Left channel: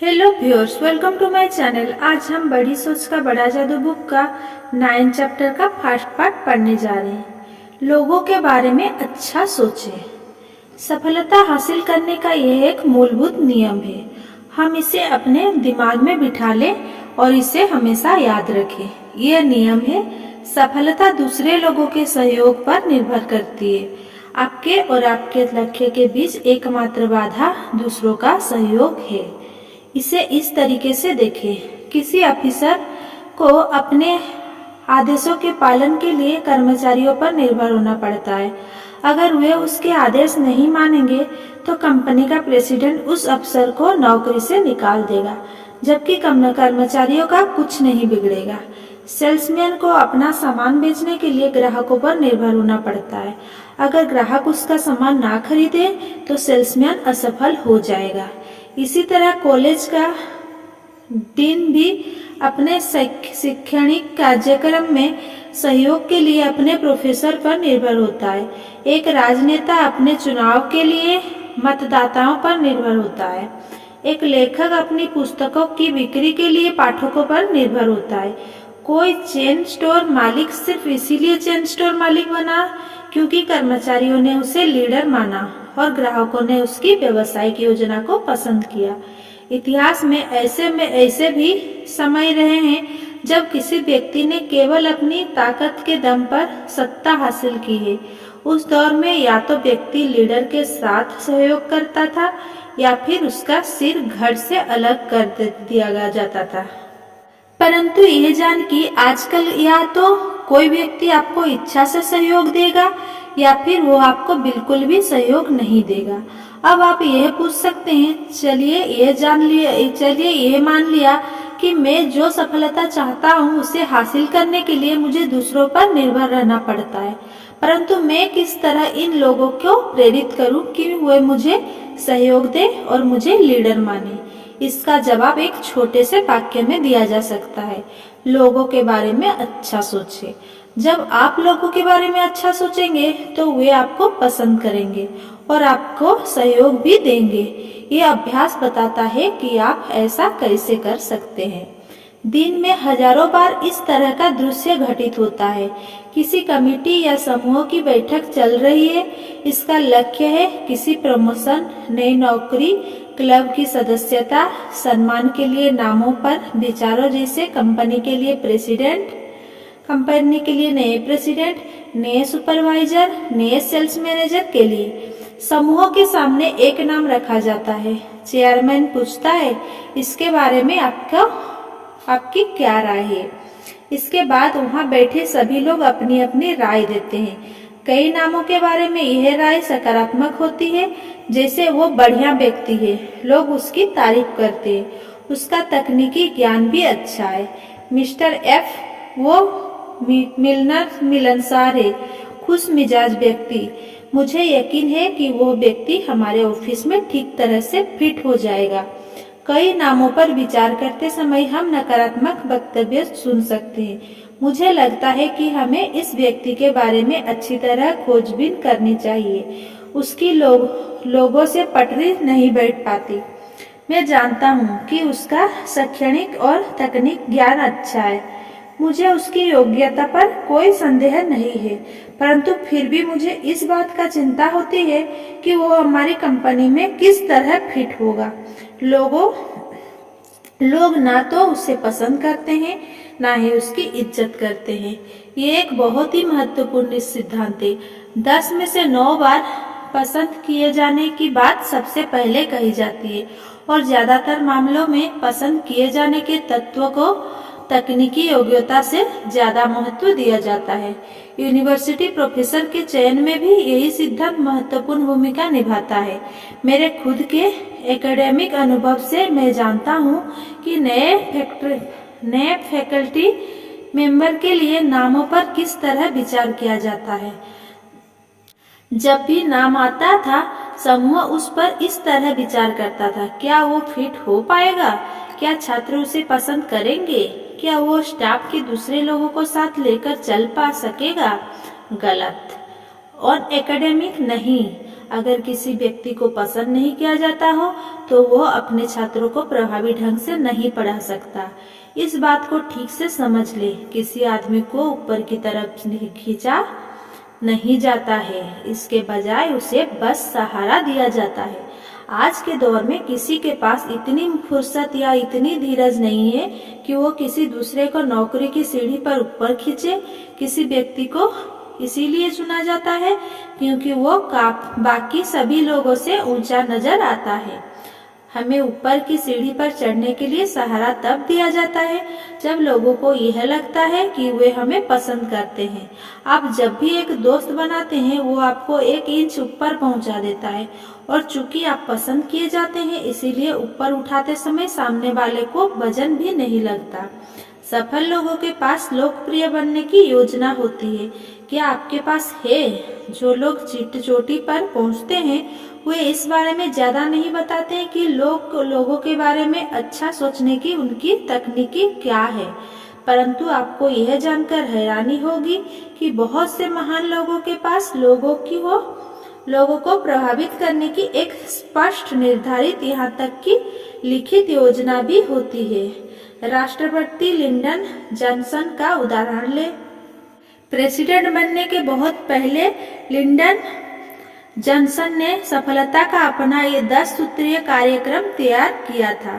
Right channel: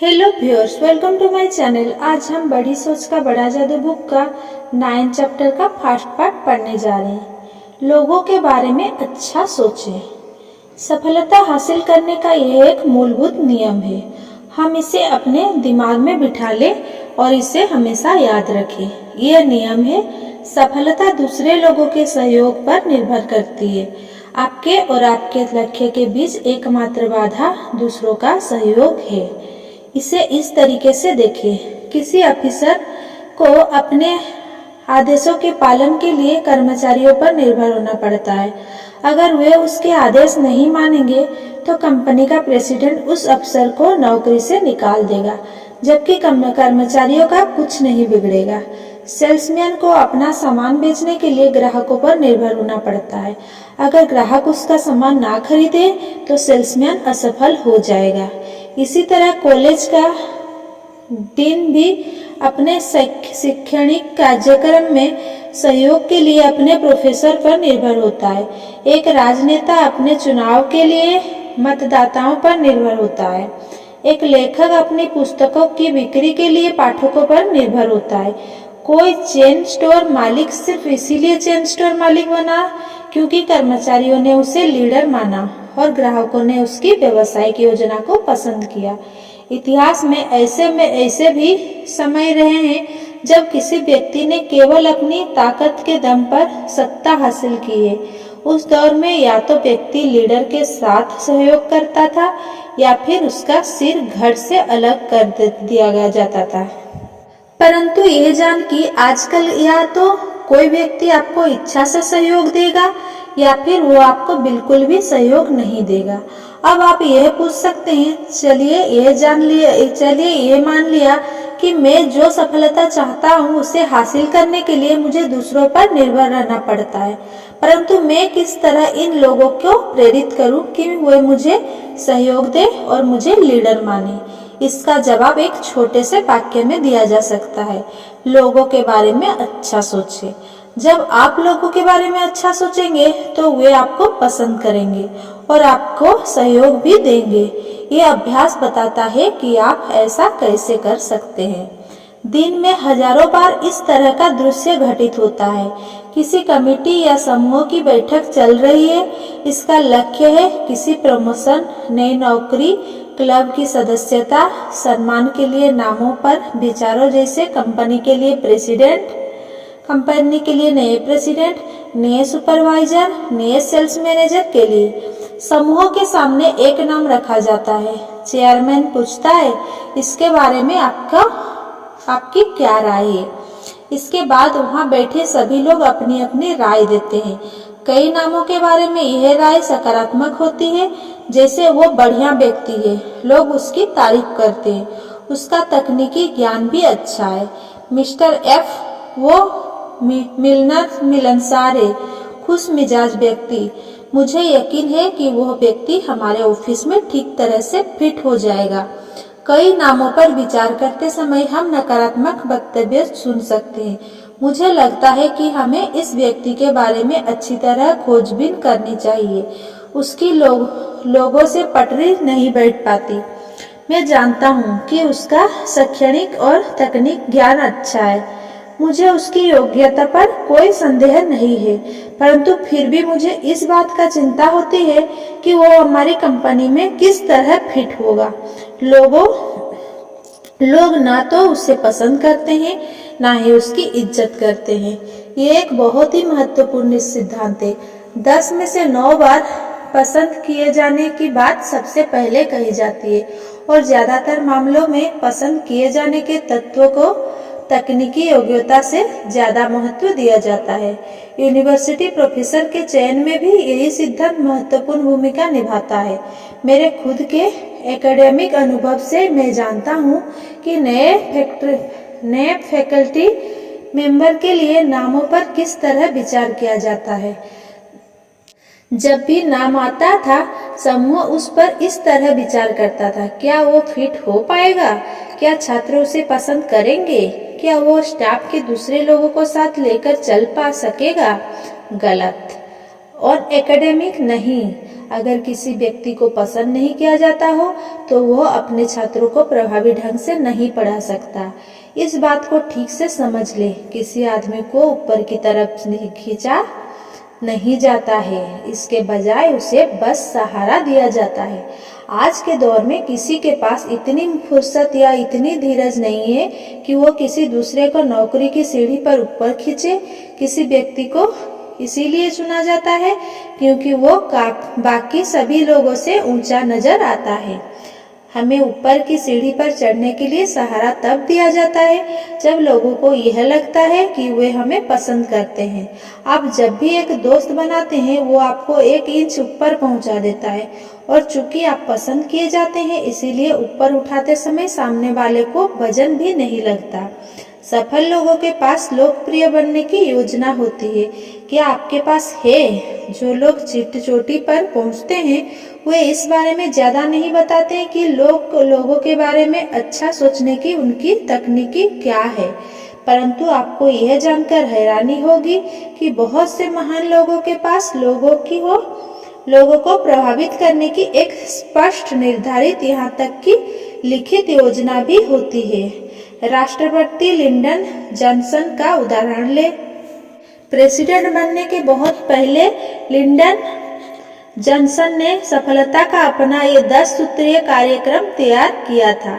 Hello viewers, welcome to my channel. आज हम बड़ी सोच का बड़ा जादू बुक का 9 चैप्टर का फर्स्ट पार्ट पढ़ने जा रहे हैं। लोगों के बारे में अच्छा सोचें। सफलता हासिल करने का यह एक मूलभूत नियम है। हम इसे अपने दिमाग में बिठा लें और इसे हमेशा याद रखें। यह नियम है, सफलता दूसरे लोगों के सहयोग पर निर्भर करती है। आपके और आपके लक्ष्य के बीच एकमात्र बाधा दूसरों का सहयोग है। इसे इस तरीके से देखें, किसी ऑफिसर को अपने आदेशों के पालन के लिए कर्मचारियों पर निर्भर होना पड़ता है। अगर वे उसके आदेश नहीं मानेंगे तो कंपनी का प्रेसिडेंट उस अफसर को नौकरी से निकाल देगा, जबकि कर्मचारियों का कुछ नहीं बिगड़ेगा। सेल्समैन को अपना सामान बेचने के लिए ग्राहकों पर निर्भर होना पड़ता है। अगर ग्राहक उसका सामान ना खरीदे तो सेल्समैन असफल हो जाएगा। इसी तरह कॉलेज का डीन भी अपने शैक्षणिक कार्यक्रम में सहयोग के लिए अपने प्रोफेसर पर निर्भर होता है। एक राजनेता अपने चुनाव के लिए मतदाताओं पर निर्भर होता है। एक लेखक अपनी पुस्तकों की बिक्री के लिए पाठकों पर निर्भर होता है। कोई चेन स्टोर मालिक सिर्फ इसीलिए चेन स्टोर मालिक बना क्योंकि कर्मचारियों ने उसे लीडर माना और ग्राहकों ने उसकी व्यावसायिक योजना को पसंद किया। इतिहास में ऐसे भी समय रहे हैं जब किसी व्यक्ति ने केवल अपनी ताकत के दम पर सत्ता हासिल की है। उस दौर में या तो व्यक्ति लीडर के साथ सहयोग करता था या फिर उसका सिर धड़ से अलग कर दिया जाता था। परंतु यह जान कि आजकल या तो कोई व्यक्ति आपको इच्छा से सहयोग देगा या फिर वो आपको बिल्कुल भी सहयोग नहीं देगा। अब आप यह पूछ सकते हैं, चलिए ये मान लिया कि मैं जो सफलता चाहता हूँ उसे हासिल करने के लिए मुझे दूसरों पर निर्भर रहना पड़ता है, परंतु मैं किस तरह इन लोगों को प्रेरित करूं कि वे मुझे सहयोग दें और मुझे लीडर माने। इसका जवाब एक छोटे से वाक्य में दिया जा सकता है, लोगों के बारे में अच्छा सोचें। जब आप लोगों के बारे में अच्छा सोचेंगे तो वे आपको पसंद करेंगे और आपको सहयोग भी देंगे। ये अभ्यास बताता है कि आप ऐसा कैसे कर सकते हैं। दिन में हजारों बार इस तरह का दृश्य घटित होता है। किसी कमेटी या समूह की बैठक चल रही है। इसका लक्ष्य है किसी प्रमोशन, नई नौकरी, क्लब की सदस्यता, सम्मान के लिए नामों पर विचारों, जैसे कंपनी के लिए नए प्रेसिडेंट, नए सुपरवाइजर, नए सेल्स मैनेजर के लिए। समूह के सामने एक नाम रखा जाता है। चेयरमैन पूछता है, इसके बारे में आपकी क्या राय है? इसके बाद वहां बैठे सभी लोग अपनी अपनी राय देते हैं। कई नामों के बारे में यह राय सकारात्मक होती है, जैसे वो बढ़िया व्यक्ति है, लोग उसकी तारीफ करते हैं, उसका तकनीकी ज्ञान भी अच्छा है। मिस्टर एफ वो मिलनसार है, खुश मिजाज व्यक्ति, मुझे यकीन है कि वह व्यक्ति हमारे ऑफिस में ठीक तरह से फिट हो जाएगा। कई नामों पर विचार करते समय हम नकारात्मक वक्तव्य सुन सकते हैं। मुझे लगता है कि हमें इस व्यक्ति के बारे में अच्छी तरह खोजबीन करनी चाहिए। उसकी लोगों से पटरी नहीं बैठ पाती। मैं जानता हूँ कि उसका शैक्षणिक और तकनीक ज्ञान अच्छा है, मुझे उसकी योग्यता पर कोई संदेह नहीं है, परंतु फिर भी मुझे इस बात का चिंता होती है कि वो हमारी कंपनी में किस तरह फिट होगा। लोग ना तो उसे पसंद करते हैं, ना ही उसकी इज्जत करते हैं। ये एक बहुत ही महत्वपूर्ण सिद्धांत है। 10 में से 9 बार पसंद किए जाने की बात सबसे पहले कही जाती है और ज्यादातर मामलों में पसंद किए जाने के तत्वों को तकनीकी योग्यता से ज्यादा महत्व दिया जाता है। यूनिवर्सिटी प्रोफेसर के चयन में भी यही सिद्धांत महत्वपूर्ण भूमिका निभाता है। मेरे खुद के एकेडमिक अनुभव से मैं जानता हूँ कि नए फैकल्टी मेंबर के लिए नामों पर किस तरह विचार किया जाता है। जब भी नाम आता था, समूह उस पर इस तरह विचार करता था, क्या वो फिट हो पाएगा? क्या छात्र उसे पसंद करेंगे? क्या वो स्टाफ के दूसरे लोगों को साथ लेकर चल पा सकेगा? गलत। और एकेडमिक नहीं। अगर किसी व्यक्ति को पसंद नहीं किया जाता हो तो वह अपने छात्रों को प्रभावी ढंग से नहीं पढ़ा सकता। इस बात को ठीक से समझ ले। किसी आदमी को ऊपर की तरफ खींचा नहीं जाता है, इसके बजाय उसे बस सहारा दिया जाता है। आज के दौर में किसी के पास इतनी फुर्सत या इतनी धीरज नहीं है कि वो किसी दूसरे को नौकरी की सीढ़ी पर ऊपर खींचे। किसी व्यक्ति को इसीलिए चुना जाता है क्योंकि वो बाकी सभी लोगों से ऊंचा नजर आता है। हमें ऊपर की सीढ़ी पर चढ़ने के लिए सहारा तब दिया जाता है जब लोगों को यह लगता है कि वे हमें पसंद करते हैं। आप जब भी एक दोस्त बनाते हैं वो आपको 1 इंच ऊपर पहुंचा देता है, और चूंकि आप पसंद किए जाते हैं इसीलिए ऊपर उठाते समय सामने वाले को वजन भी नहीं लगता। सफल लोगों के पास लोकप्रिय बनने की योजना होती है। क्या आपके पास है? जो लोग चोटी पर पहुंचते हैं वे इस बारे में ज्यादा नहीं बताते हैं कि लोगों के बारे में अच्छा सोचने की उनकी तकनीकी क्या है, परंतु आपको यह जानकर हैरानी होगी कि बहुत से महान लोगों के पास लोगों को प्रभावित करने की एक स्पष्ट, निर्धारित, यहाँ तक कि लिखित योजना भी होती है। राष्ट्रपति लिंडन जॉनसन का उदाहरण ले। प्रेसिडेंट बनने के बहुत पहले लिंडन जॉनसन ने सफलता का अपना ये 10 सूत्रीय कार्यक्रम तैयार किया था।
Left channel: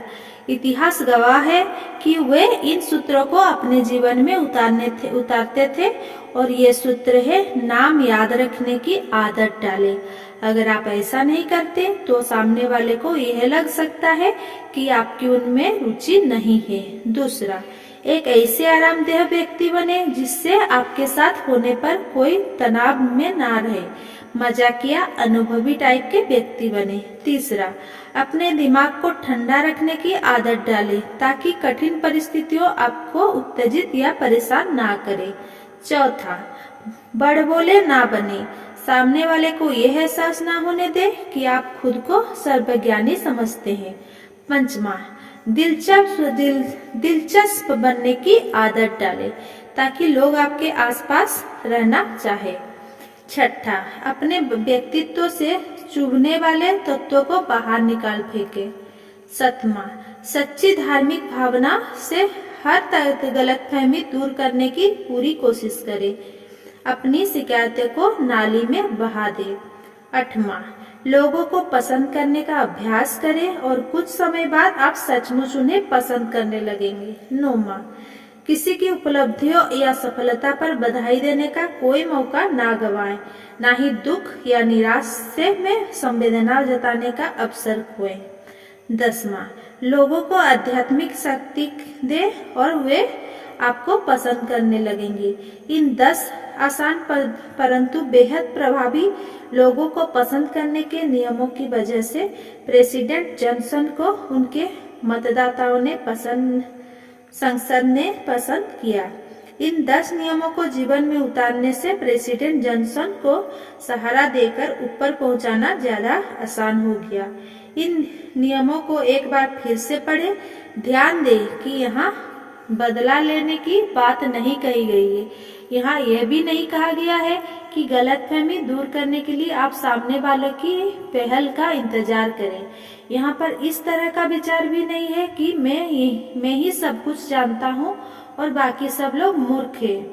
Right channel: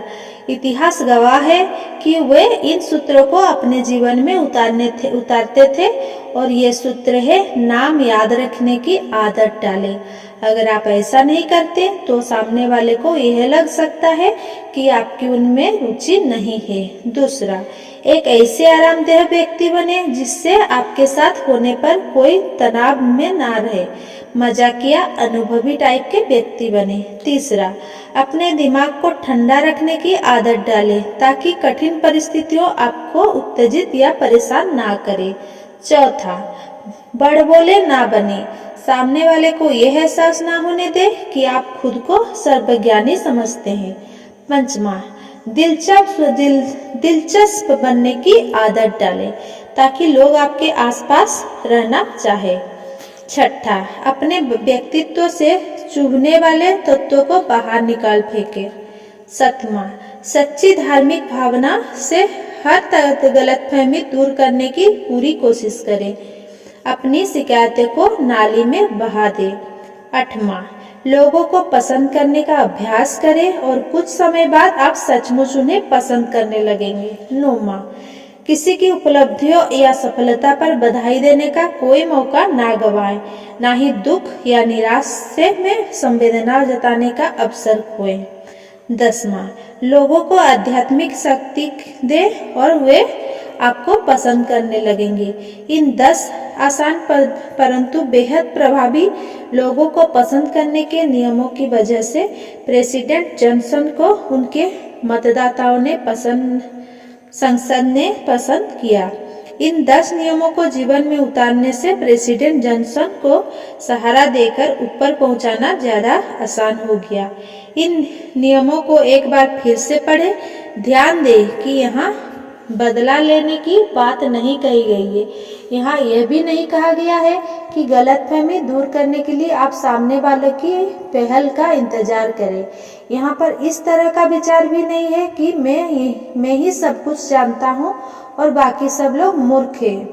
इतिहास गवाह है कि वे इन सूत्रों को अपने जीवन में उतारते थे, और ये सूत्र है: नाम याद रखने की आदत डालें। अगर आप ऐसा नहीं करते तो सामने वाले को यह लग सकता है कि आपकी उनमें रुचि नहीं है। दूसरा, एक ऐसे आरामदेह व्यक्ति बने जिससे आपके साथ होने पर कोई तनाव में ना रहे। मजाकिया, अनुभवी टाइप के व्यक्ति बने। तीसरा, अपने दिमाग को ठंडा रखने की आदत डालें ताकि कठिन परिस्थितियों आपको उत्तेजित या परेशान ना करे। चौथा, बड़बोले ना बने। सामने वाले को यह एहसास ना होने दे कि आप खुद को सर्वज्ञानी समझते हैं। पंचमा, दिलचस्प बनने की आदत डालें ताकि लोग आपके आसपास रहना चाहे। छठा, अपने व्यक्तित्व से चुभने वाले तत्वों को बाहर निकाल फेंके। सातवां, सच्ची धार्मिक भावना से हर गलतफहमी दूर करने की पूरी कोशिश करें। अपनी शिकायतों को नाली में बहा दे। 8वां, लोगों को पसंद करने का अभ्यास करें और कुछ समय बाद आप सचमुच उन्हें पसंद करने लगेंगे। 9वां, किसी की उपलब्धियों या सफलता पर बधाई देने का कोई मौका ना गवाएं, ना ही दुख या निराशा में संवेदना जताने का अवसर खोएं। 10वां, लोगों को आध्यात्मिक शक्ति दे और वे आपको पसंद करने लगेंगे। इन 10 आसान परंतु बेहद प्रभावी लोगों को पसंद करने के नियमों की वजह से प्रेसिडेंट जॉनसन को उनके मतदाताओं ने संसद ने पसंद किया। इन 10 नियमों को जीवन में उतारने से प्रेसिडेंट जॉनसन को सहारा देकर ऊपर पहुंचाना ज्यादा आसान हो गया। इन नियमों को एक बार फिर से पढ़ें। ध्यान दें कि यहाँ बदला लेने की बात नहीं कही गई है। यहाँ यह भी नहीं कहा गया है कि गलतफहमी दूर करने के लिए आप सामने वाले की पहल का इंतजार करें। यहाँ पर इस तरह का विचार भी नहीं है कि मैं ही सब कुछ जानता हूँ और बाकी सब लोग मूर्ख हैं।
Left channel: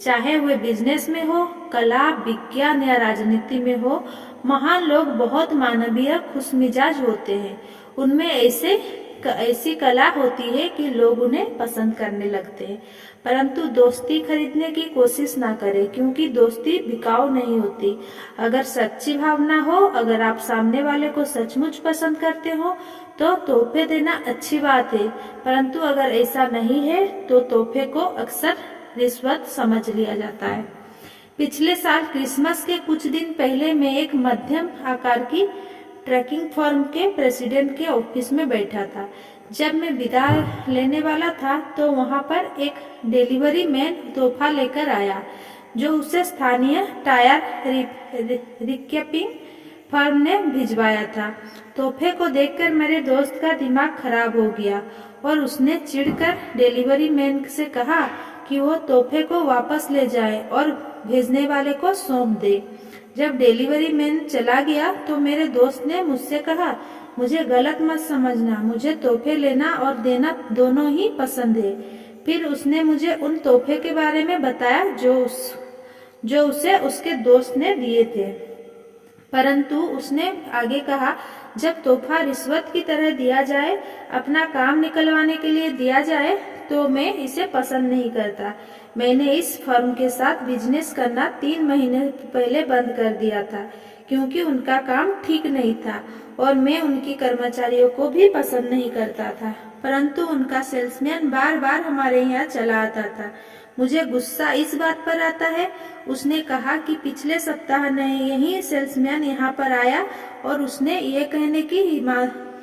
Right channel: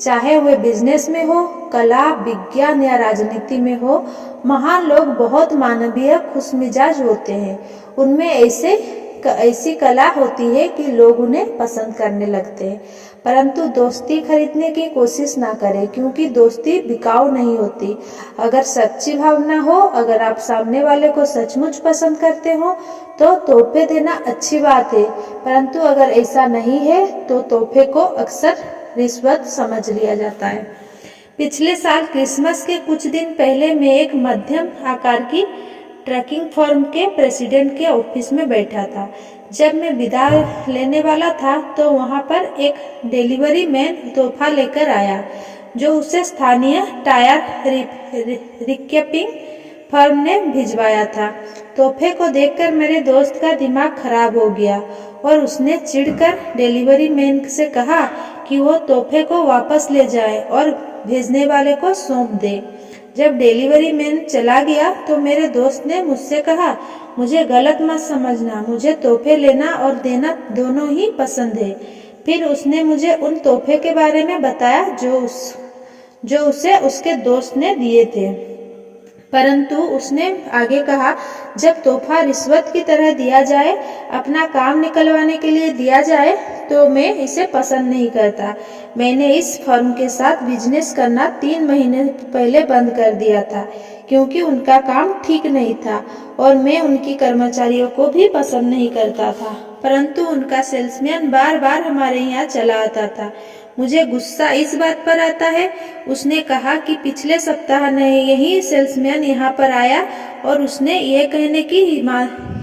चाहे वे बिजनेस में हो, कला, विज्ञान या राजनीति में हो, महान लोग बहुत मानवीय, खुशमिजाज होते हैं। उनमें ऐसी कला होती है कि लोग उन्हें पसंद करने लगते हैं। परंतु दोस्ती खरीदने की कोशिश ना करें, क्योंकि दोस्ती बिकाऊ नहीं होती। अगर सच्ची भावना हो, अगर आप सामने वाले को सचमुच पसंद करते हो तो तोहफे देना अच्छी बात है, परंतु अगर ऐसा नहीं है तो तोहफे को अक्सर रिश्वत समझ लिया जाता है। पिछले साल क्रिसमस के कुछ दिन पहले मैं एक मध्यम आकार की ट्रैकिंग फर्म के प्रेसिडेंट के ऑफिस में बैठा था। जब मैं विदा लेने वाला था तो वहां पर एक डिलीवरी मैन तोहफा लेकर आया जो उसे स्थानीय टायर रिकैपिंग फर्म ने भिजवाया था। तोहफे को देखकर मेरे दोस्त का दिमाग खराब हो गया और उसने चिढ़कर डिलीवरी मैन से कहा कि वो तोहफे को वापस ले जाए और भेजने वाले को सौंप दे। जब डिलीवरी मैन चला गया तो मेरे दोस्त ने मुझसे कहा, मुझे गलत मत समझना, मुझे तोहफे लेना और देना दोनों ही पसंद है। फिर उसने मुझे उन तोहफे के बारे में बताया जो उसे उसके दोस्त ने दिए थे। परंतु उसने आगे कहा, जब तोहफा रिश्वत की तरह दिया जाए, अपना काम निकलवाने के लिए दिया जाए, तो मैं इसे पसंद नहीं करता। मैंने इस फर्म के साथ बिजनेस करना 3 महीने पहले बंद कर दिया था, क्योंकि उनका काम ठीक नहीं था और मैं उनकी कर्मचारियों को भी पसंद नहीं करता था। परंतु उनका सेल्समैन बार बार हमारे यहाँ चला आता था। मुझे गुस्सा इस बात पर आता है, उसने कहा कि पिछले सप्ताह यही सेल्समैन यहाँ पर आया और उसने ये कहने की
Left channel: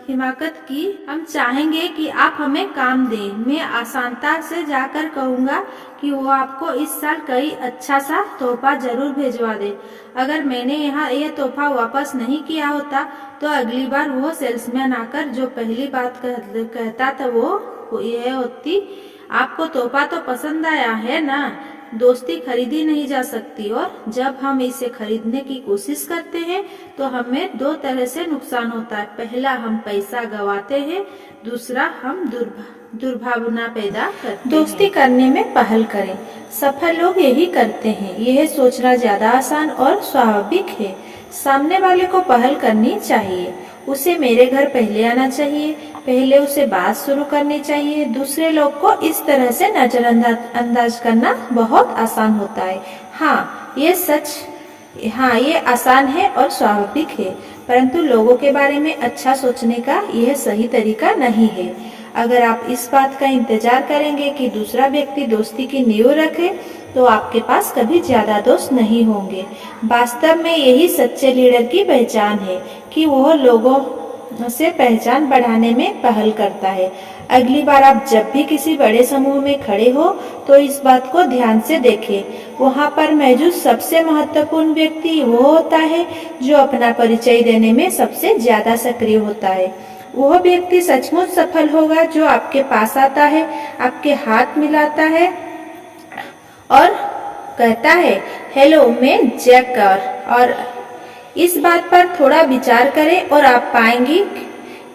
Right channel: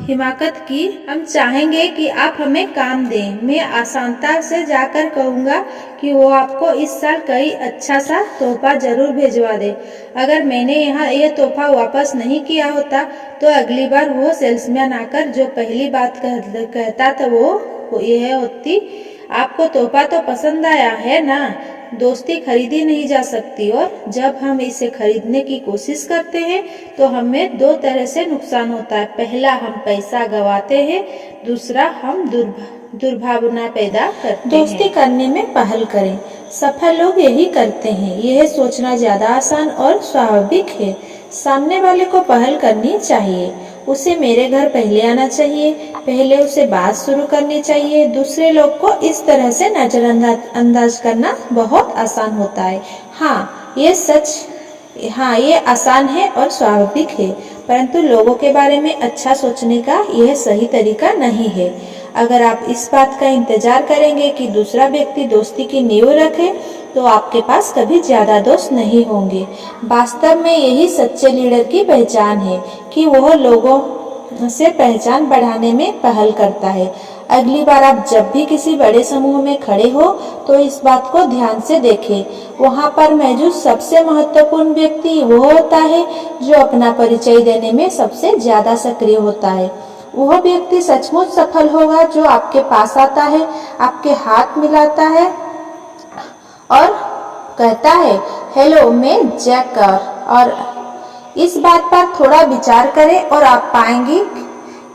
हिमाकत की, हम चाहेंगे कि आप हमें काम दें। मैं आसानता से जाकर कहूँगा कि वो आपको इस साल कई अच्छा सा तोहफा जरूर भेजवा दे। अगर मैंने यहाँ यह तोहफा वापस नहीं किया होता तो अगली बार वो सेल्समैन आकर जो पहली बात कहता था वो यह होती, आपको तोहफा तो पसंद आया है ना? दोस्ती खरीदी नहीं जा सकती और जब हम इसे खरीदने की कोशिश करते हैं तो हमें 2 तरह से नुकसान होता है। पहला, हम पैसा गंवाते हैं, दूसरा हम दुर्भावना पैदा करते हैं। दोस्ती करने में पहल करें। सफल लोग यही करते हैं। यह सोचना ज्यादा आसान और स्वाभाविक है। सामने वाले को पहल करनी चाहिए। उसे मेरे घर पहले आना चाहिए, पहले उसे बात शुरू करनी चाहिए। दूसरे लोग को इस तरह से नजरअंदाज करना बहुत आसान होता है। हाँ, ये आसान है और स्वाभाविक है, परंतु लोगों के बारे में अच्छा सोचने का यह सही तरीका नहीं है। अगर आप इस बात का इंतजार करेंगे कि दूसरा व्यक्ति दोस्ती की नींव रखे, तो आपके पास कभी ज्यादा दोस्त नहीं होंगे। वास्तव में यही सच्चे लीडर की पहचान है कि वह लोगों से पहचान बढ़ाने में पहल करता है। अगली बार आप जब भी किसी बड़े समूह में खड़े हो तो इस बात को ध्यान से देखें। वहां पर मौजूद सबसे महत्वपूर्ण व्यक्ति वो होता है जो अपना परिचय देने में सबसे ज्यादा सक्रिय होता है। वह व्यक्ति सचमुच सफल होगा जो आपके पास आता है, आपके हाथ मिलाता है और कहता है, हेलो, मैं जैक। और इस बात पर थोड़ा विचार करें और आप पाएंगे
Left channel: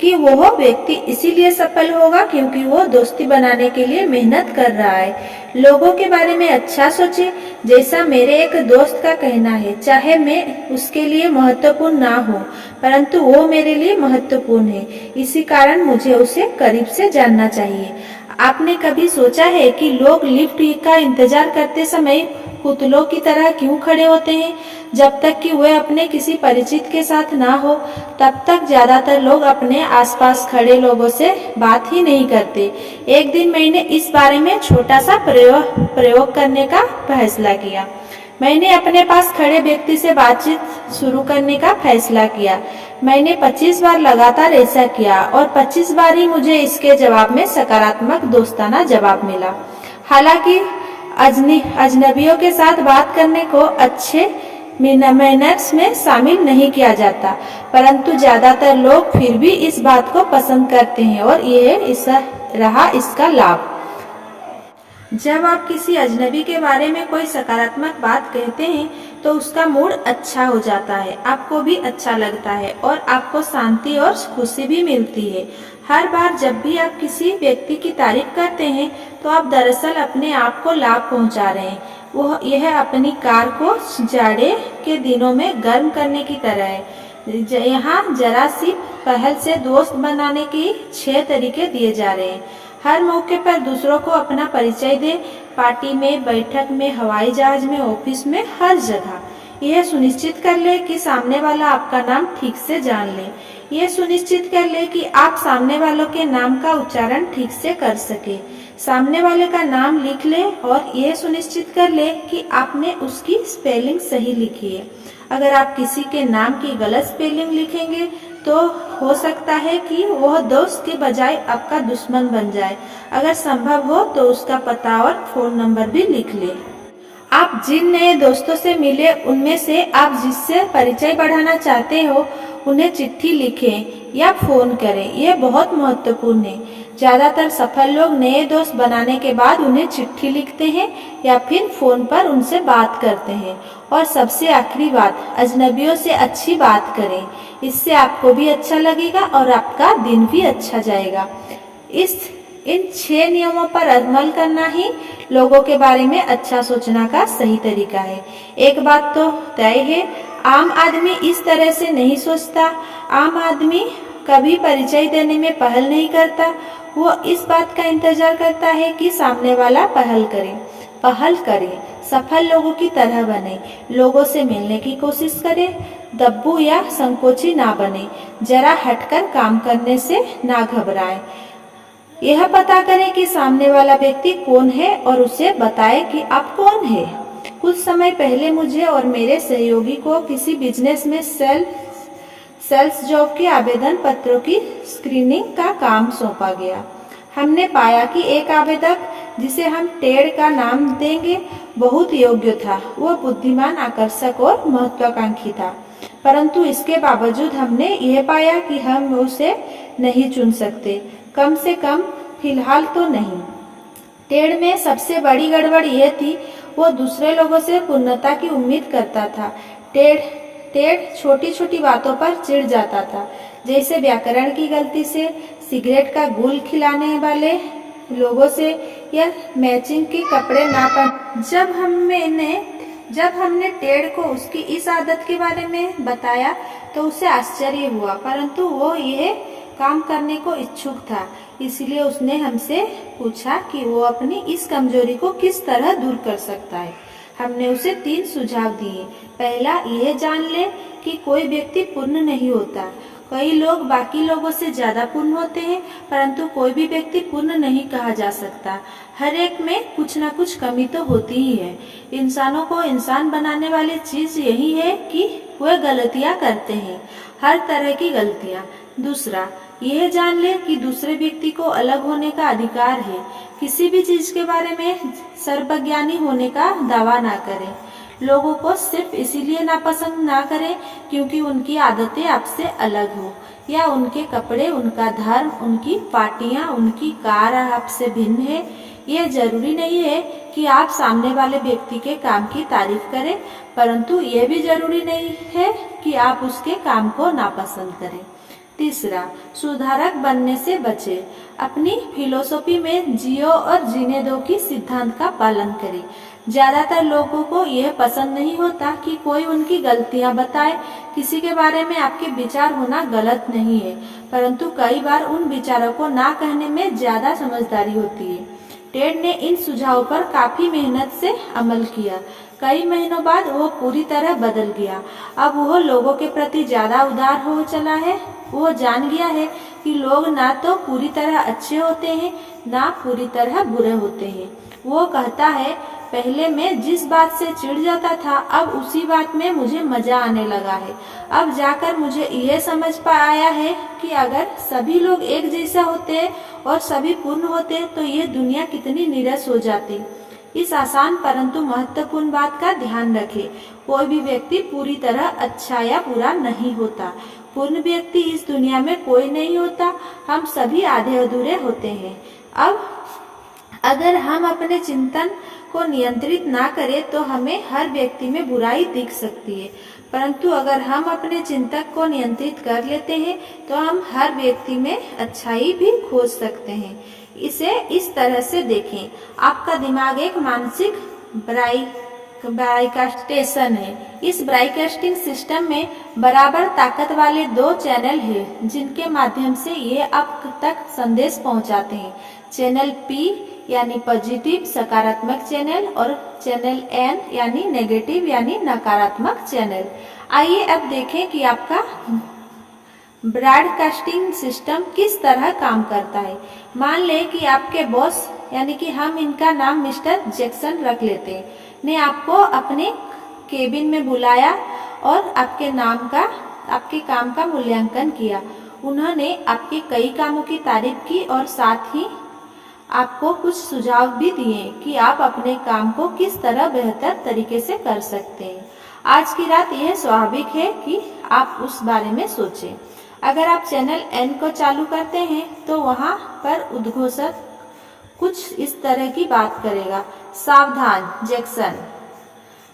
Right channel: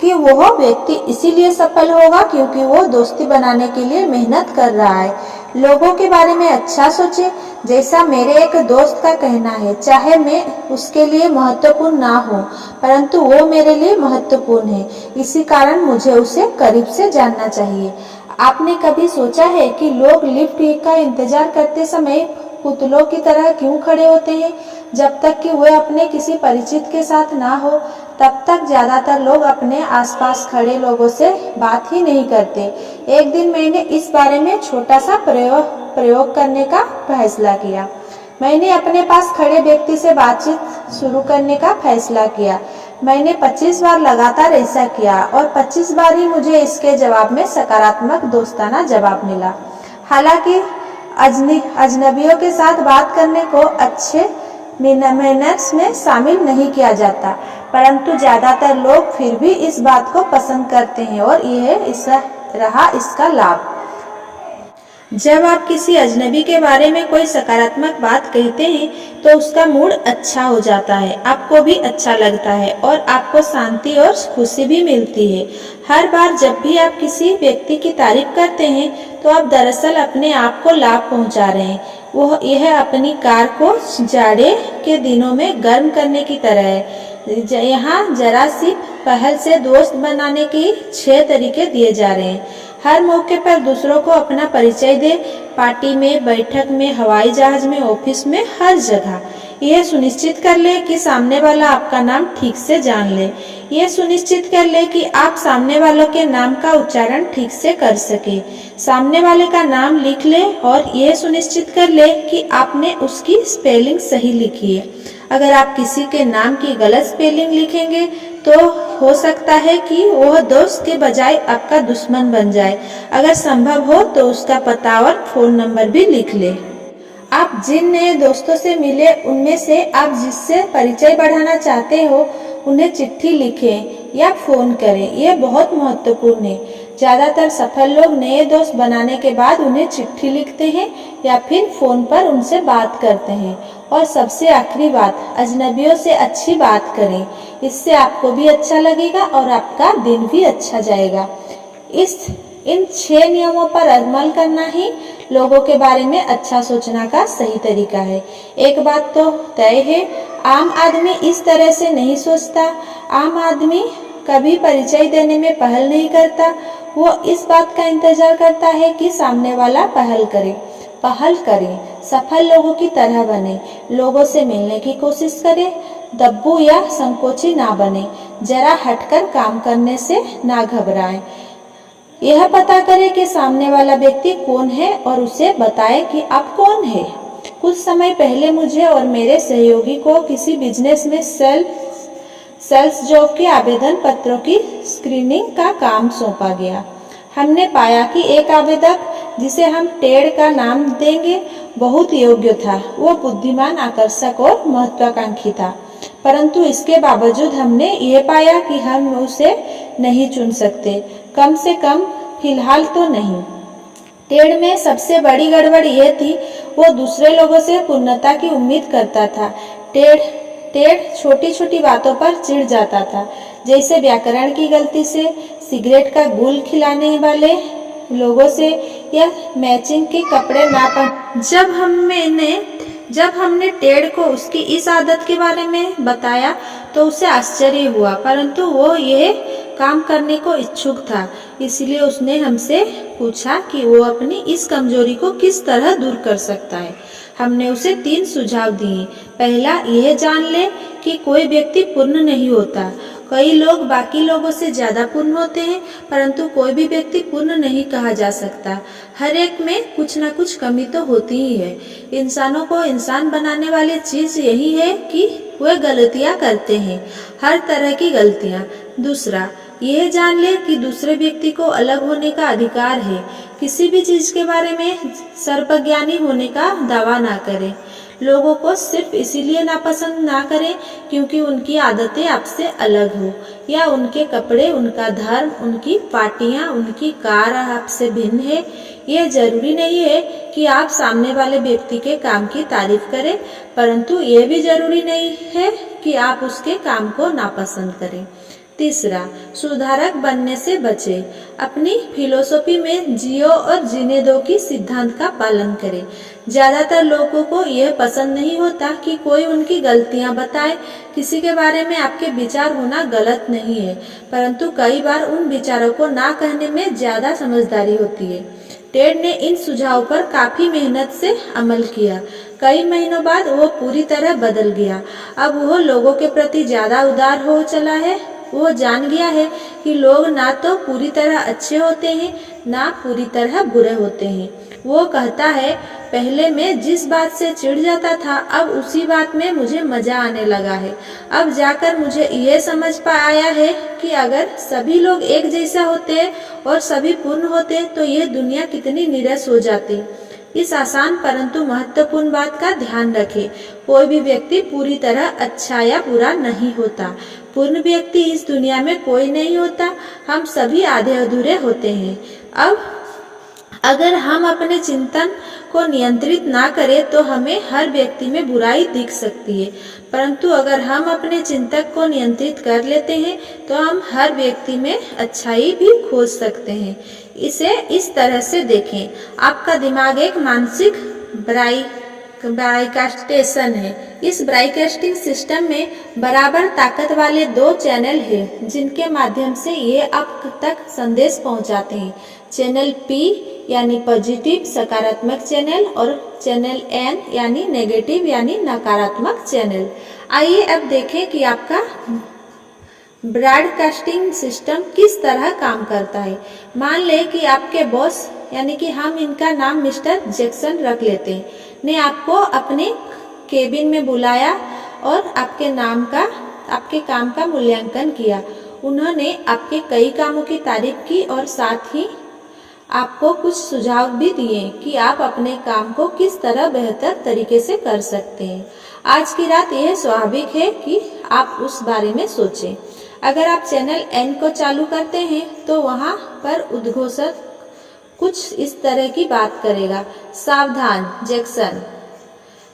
कि वह व्यक्ति इसीलिए सफल होगा क्योंकि वो दोस्ती बनाने के लिए मेहनत कर रहा है। लोगों के बारे में अच्छा सोचे। जैसा मेरे एक दोस्त का कहना है, चाहे मैं उसके लिए महत्वपूर्ण ना हो, परंतु वो मेरे लिए महत्वपूर्ण है। इसी कारण मुझे उसे करीब से जानना चाहिए। आपने कभी सोचा है कि लोग लिफ्ट का इंतजार करते समय पुतलों की तरह क्यों खड़े होते हैं? जब तक कि वे अपने किसी परिचित के साथ ना हो, तब तक ज्यादातर लोग अपने आसपास खड़े लोगों से बात ही नहीं करते। एक दिन मैंने इस बारे में छोटा सा प्रयोग करने का फैसला किया। मैंने अपने पास खड़े व्यक्ति से बातचीत शुरू करने का फैसला किया। मैंने 25 बार लगातार ऐसा किया और 25 बार ही मुझे इसके जवाब में सकारात्मक दोस्ताना जवाब मिला। हालांकि अजनबियों के साथ बात करने को अच्छे मैनर्स में शामिल नहीं किया जाता, परंतु ज्यादातर लोग फिर भी इस बात को पसंद करते हैं और यह इसका लाभ। जब आप किसी अजनबी के बारे में कोई सकारात्मक बात कहते हैं तो उसका मूड अच्छा हो जाता है, आपको भी अच्छा लगता है और आपको शांति और खुशी भी मिलती है। हर बार जब भी आप किसी व्यक्ति की तारीफ करते हैं तो आप दरअसल अपने आप को लाभ पहुंचा रहे हैं। यह अपनी कार को जाड़े के दिनों में गर्म करने की तरह है। यहाँ जरा सी पहल से दोस्त बनाने के 6 तरीके दिए जा रहे हैं। हर मौके पर दूसरों को अपना परिचय दे, पार्टी में, बैठक में, हवाई जहाज में, ऑफिस में, हर जगह। यह सुनिश्चित कर ले कि सामने वाला आपका नाम ठीक से जान ले। यह सुनिश्चित कर ले कि आप सामने वालों के नाम का उच्चारण ठीक से कर सके। सामने वाले का नाम लिख ले और यह सुनिश्चित कर ले कि आपने उसकी स्पेलिंग सही लिखी है। अगर आप किसी के नाम की गलत स्पेलिंग लिखेंगे तो हो सकता है कि वह दोस्त के बजाय आपका दुश्मन बन जाए। अगर संभव हो तो उसका पता और फोन नंबर भी लिख ले। आप जिन नए दोस्तों से मिले उनमें से आप जिससे परिचय बढ़ाना चाहते हो उन्हें चिट्ठी लिखें या फोन करें। यह बहुत महत्वपूर्ण है। ज़्यादातर सफल लोग नए दोस्त बनाने के बाद उन्हें चिट्ठी लिखते हैं या फिर फ़ोन पर उनसे बात करते हैं। और सबसे आखिरी बात, अजनबियों से अच्छी बात करें। इससे आपको भी अच्छा लगेगा और आपका दिन भी अच्छा जाएगा। इन 6 नियमों पर अमल करना ही लोगों के बारे में अच्छा सोचना का सही तरीका है। एक बात तो तय है, आम आदमी इस तरह से नहीं सोचता। आम आदमी कभी परिचय देने में पहल नहीं करता। वो इस बात का इंतजार करता है कि सामने वाला पहल करे। सफल लोगों की तरह बने, लोगों से मिलने की कोशिश करे, दब्बू या संकोची ना बने, जरा हटकर काम करने से ना घबराएं। यह पता करें कि सामने वाला व्यक्ति कौन है और उसे बताएं कि आप कौन है। कुछ समय पहले मुझे और मेरे सहयोगी को किसी बिजनेस में सेल्स जॉब के आवेदन पत्रों की स्क्रीनिंग का काम सौंपा गया। हमने पाया कि एक आवेदक, जिसे हम टेड का नाम देंगे, बहुत योग्य था। वह बुद्धिमान, आकर्षक और महत्वाकांक्षी था, परंतु इसके बावजूद हमने यह पाया कि हम उसे नहीं चुन सकते, कम से कम फिलहाल तो नहीं। टेड में सबसे बड़ी गड़बड़ यह थी, वो दूसरे लोगों से पूर्णता की उम्मीद करता था। टेड छोटी छोटी बातों पर चिढ़ जाता था, जैसे व्याकरण की गलती से, सिगरेट का गुल खिलाने वाले लोगों से या मैचिंग के कपड़े ना पहन। जब हमने टेड को उसकी इस आदत के बारे में बताया तो उसे आश्चर्य हुआ, परंतु वो यह काम करने को इच्छुक था। इसलिए उसने हमसे पूछा कि वो अपनी इस कमजोरी को किस तरह दूर कर सकता है। हमने उसे 3 सुझाव दिए। पहला, यह जान ले कि कोई व्यक्ति पूर्ण नहीं होता। कई लोग बाकी लोगों से ज्यादा पूर्ण होते हैं, परंतु कोई भी व्यक्ति पूर्ण नहीं कहा जा सकता। हर एक में कुछ न कुछ कमी तो होती ही है। इंसानों को इंसान बनाने वाली चीज यही है कि वे गलतियां करते हैं, हर तरह की गलतियां। दूसरा, यह जान ले कि दूसरे व्यक्ति को अलग होने का अधिकार है। किसी भी चीज के बारे में सर्वज्ञानी होने का दावा ना करें। लोगों को सिर्फ इसीलिए नापसंद ना करें क्योंकि उनकी आदतें आपसे अलग हो, या उनके कपड़े, उनका धर्म, उनकी पार्टियां, उनकी कार आपसे भिन्न है। यह जरूरी नहीं है कि आप सामने वाले व्यक्ति के काम की तारीफ करें, परंतु यह भी जरूरी नहीं है कि आप उसके काम को नापसंद करें। तीसरा, सुधारक बनने से बचे। अपनी फिलोसॉफी में जियो और जीने दो की सिद्धांत का पालन करें। ज्यादातर लोगों को यह पसंद नहीं होता कि कोई उनकी गलतियां बताए। किसी के बारे में आपके विचार होना गलत नहीं है, परंतु कई बार उन विचारों को ना कहने में ज्यादा समझदारी होती है। टेड ने इन सुझावों पर काफी मेहनत से अमल किया। कई महीनों बाद वो पूरी तरह बदल गया। अब वो लोगों के प्रति ज्यादा उदार हो चला है। वो जान गया है कि लोग ना तो पूरी तरह अच्छे होते हैं, ना पूरी तरह बुरे होते हैं। वो कहता है, पहले मैं जिस बात से चिढ़ जाता था, अब उसी बात में मुझे मजा आने लगा है। अब जाकर मुझे यह समझ आया है कि अगर सभी लोग एक जैसा होते और सभी पूर्ण होते तो यह दुनिया कितनी नीरस हो जाती। इस आसान परंतु महत्वपूर्ण बात का ध्यान रखें, कोई भी व्यक्ति पूरी तरह अच्छा या बुरा नहीं होता। पूर्ण व्यक्ति इस दुनिया में कोई नहीं होता, हम सभी आधे अधूरे होते हैं। अब अगर हम अपने चिंतन को नियंत्रित ना करें तो हमें हर व्यक्ति में बुराई दिख सकती है, परंतु अगर हम अपने चिंतक को नियंत्रित कर लेते हैं तो हम हर व्यक्ति में अच्छाई भी खोज सकते हैं। इसे इस तरह से देखें, आपका दिमाग एक मानसिक ब्रॉडकास्टेशन है। इस ब्रॉडकास्टिंग सिस्टम में बराबर ताकत वाले 2 चैनल हैं जिनके माध्यम से ये आप तक संदेश पहुंचाते हैं। चैनल P यानी पॉजिटिव सकारात्मक चैनल और चैनल N यानी नेगेटिव यानी नकारात्मक चैनल। आइए अब देखें कि आपका ब्रॉडकास्टिंग सिस्टम किस तरह काम करता है। मान लें कि आपके बॉस, यानी कि हम इनका नाम मिस्टर जैक्सन रख लेते हैं, ने आपको अपने केबिन में बुलाया और आपके काम का मूल्यांकन किया। उन्होंने आपके कई कामों की तारीफ की और साथ ही आपको कुछ सुझाव भी दिए कि आप अपने काम को किस तरह बेहतर तरीके से कर सकते हैं। आज की रात यह स्वाभाविक है कि आप उस बारे में सोचें। अगर आप चैनल एन को चालू करते हैं तो वहाँ पर उद्घोषक कुछ इस तरह की बात करेगा। सावधान, जैक्सन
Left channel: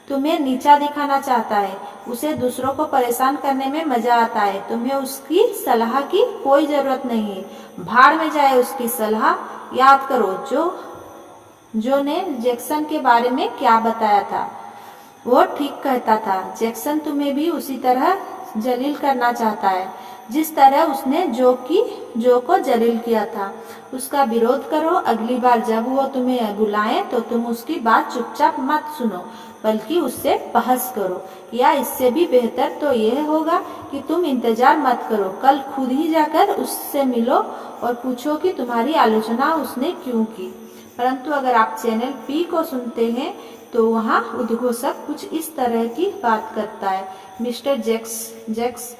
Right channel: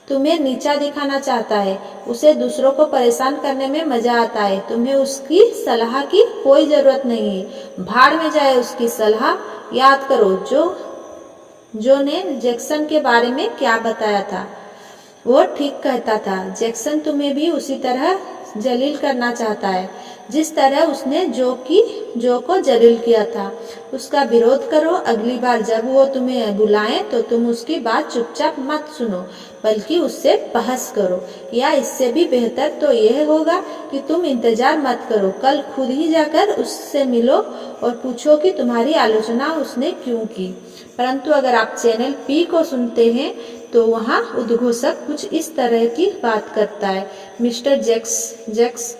तुम्हें नीचा दिखाना चाहता है, उसे दूसरों को परेशान करने में मजा आता है, तुम्हें उसकी सलाह की कोई जरूरत नहीं है, भाड़ में जाए उसकी सलाह। याद करो जो ने जैक्सन के बारे में क्या बताया था, वो ठीक कहता था। जैक्सन तुम्हें भी उसी तरह जलील करना चाहता है जिस तरह उसने जो को जलील किया था। उसका विरोध करो। अगली बार जब वो तुम्हें बुलाए तो तुम उसकी बात चुपचाप मत सुनो, बल्कि उससे बहस करो। या इससे भी बेहतर तो यह होगा कि तुम इंतजार मत करो, कल खुद ही जाकर उससे मिलो और पूछो कि तुम्हारी आलोचना उसने क्यों की। परंतु अगर आप चैनल पी को सुनते हैं तो वहाँ उद्घोषक कुछ इस तरह की बात करता है। मिस्टर जैक्स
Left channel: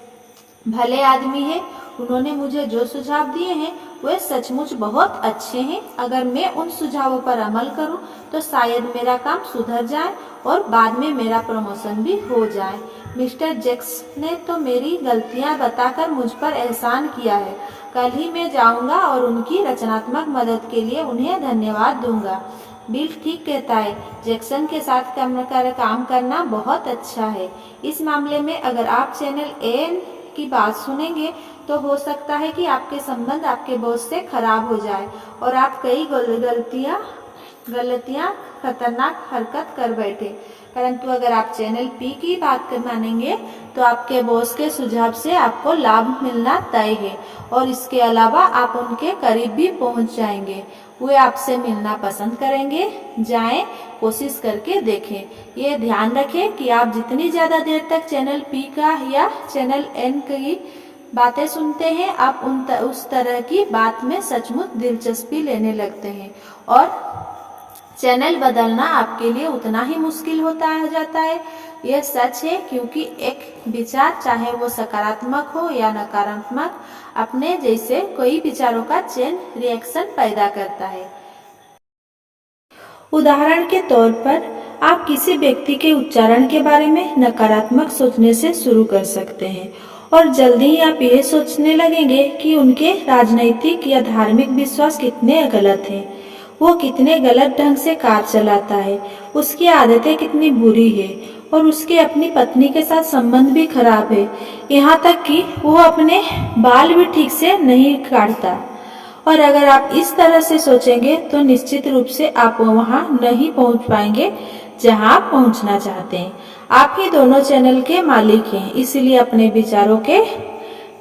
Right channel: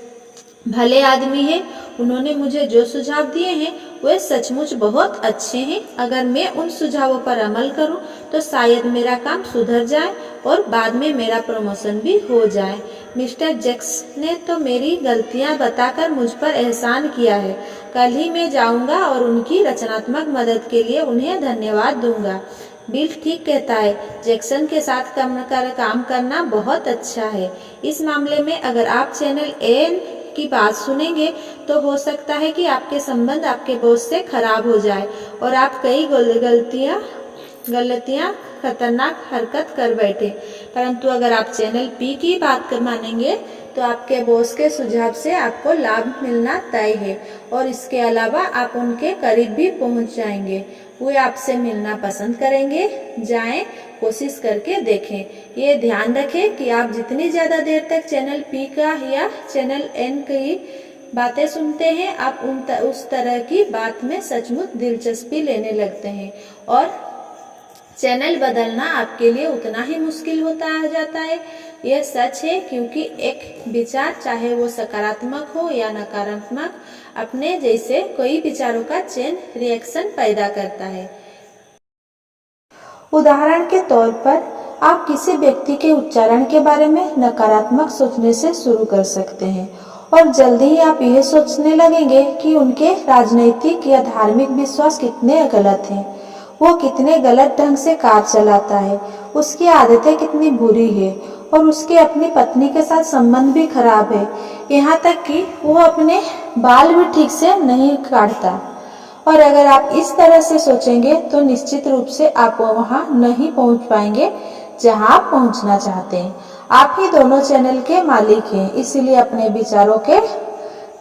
भले आदमी है, उन्होंने मुझे जो सुझाव दिए हैं वे सचमुच बहुत अच्छे हैं। अगर मैं उन सुझावों पर अमल करूं तो शायद मेरा काम सुधर जाए और बाद में मेरा प्रमोशन भी हो जाए। मिस्टर जैक्स ने तो मेरी गलतियां बताकर मुझ पर एहसान किया है। कल ही मैं जाऊंगा और उनकी रचनात्मक मदद के लिए उन्हें धन्यवाद दूंगा। बिल ठीक कहता है, जैक्सन के साथ काम करना बहुत अच्छा है। इस मामले में अगर आप चैनल एन की बात सुनेंगे तो हो सकता है कि आपके संबंध आपके बॉस से खराब हो जाए और आप कई गलतियां खतरनाक हरकत कर बैठे। परंतु अगर आप चैनल पी की बात मानेंगे तो आपके बॉस के सुझाव से आपको लाभ मिलना तय है और इसके अलावा आप उनके करीब भी पहुंच जाएंगे। वे आपसे मिलना पसंद करेंगे। जाएं, कोशिश करके देखें। ये ध्यान रखें कि आप जितनी ज़्यादा देर तक चैनल पी का या चैनल एन की बातें सुनते हैं, आप उस तरह की बात में सचमुच दिलचस्पी लेने लगते हैं और चैनल बदलना आपके लिए उतना ही मुश्किल होता जाता है। यह सच है क्योंकि एक विचार, चाहे वो सकारात्मक हो या नकारात्मक, अपने जैसे कई विचारों का चेन रिएक्शन पैदा करता है। उदाहरण के तौर पर आप किसी व्यक्ति के उच्चारण के बारे में नकारात्मक सोचने से शुरू कर सकते हैं और जल्दी ही आप यह सोचने लगेंगे कि उनके राजनीतिक या धार्मिक विश्वास कितने गलत हैं, वो कितने गलत ढंग से कार चलाता है, उसकी आदतें कितनी बुरी है और उसकी अपनी पत्नी के साथ संबंध भी खराब है, यहाँ तक कि वो अपने बाल भी ठीक से नहीं काटता। और अगर आप इस तरह से सोचेंगे तो निश्चित रूप से आप वहाँ नहीं पहुँच पाएंगे जहाँ आप पहुँचना चाहते हैं। आप ही दोनों चैनल के मालिक हैं, इसलिए अपने विचारों के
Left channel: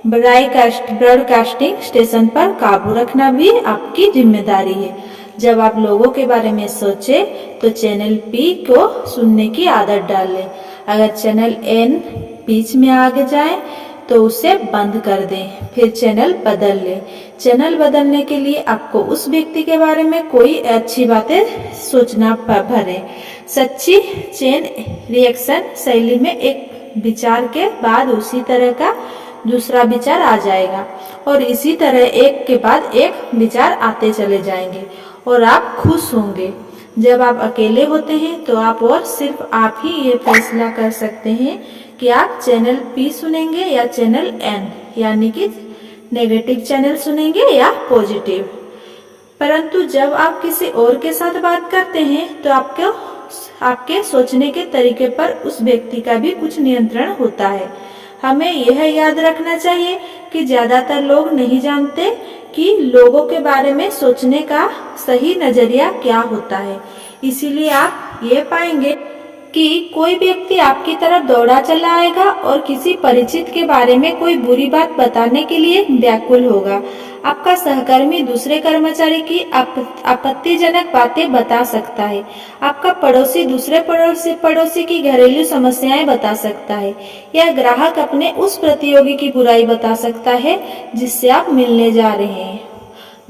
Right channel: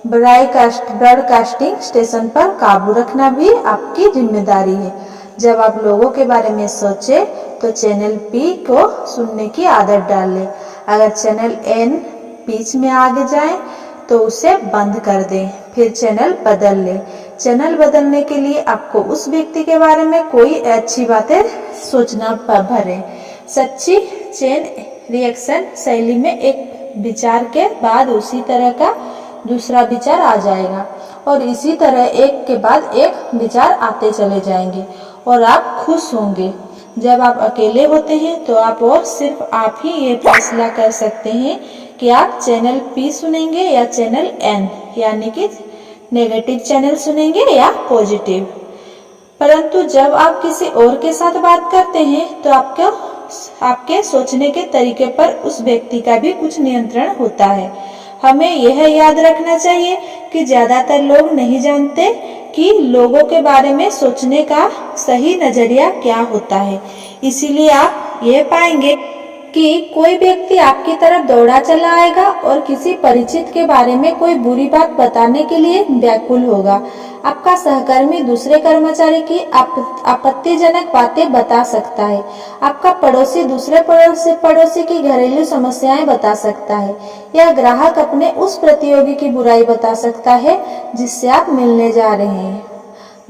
ब्रॉडकास्टिंग स्टेशन पर काबू रखना भी आपकी जिम्मेदारी है। जब आप लोगों के बारे में सोचे तो चैनल पी को सुनने की आदत डाल लें। अगर चैनल एन बीच में आगे जाए तो उसे बंद कर दें, फिर चैनल बदल लें। चैनल बदलने के लिए आपको उस व्यक्ति के बारे में कोई अच्छी बातें सोचना भरें। सच्ची चेन रिएक्शन शैली में एक विचार के बाद उसी तरह का दूसरा विचार आ जाएगा और इसी तरह एक के बाद एक विचार आते चले जाएंगे और आप खुश होंगे। जब आप अकेले होते हैं तो आप और सिर्फ आप ही ये फैसला कर सकते हैं कि आप चैनल पी सुनेंगे या चैनल एन, यानी कि नेगेटिव चैनल सुनेंगे या पॉजिटिव। परंतु जब आप किसी और के साथ बात करते हैं तो आपके सोचने के तरीके पर उस व्यक्ति का भी कुछ नियंत्रण होता है। हमें यह याद रखना चाहिए कि ज्यादातर लोग नहीं जानते कि लोगों के बारे में सोचने का सही नजरिया क्या होता है। इसीलिए आप ये पाएंगे कि कोई व्यक्ति आपकी तरफ दौड़ा चला आएगा और किसी परिचित के बारे में कोई बुरी बात बताने के लिए व्याकुल होगा। आपका सहकर्मी दूसरे कर्मचारी की आपत्तिजनक बातें बता सकता है। आपका पड़ोसी दूसरे पड़ोसी की घरेलू समस्याएं बता सकता है। यह ग्राहक अपने उस प्रतियोगी की बुराई बता सकता है जिससे आप मिलने जा रहे हैं।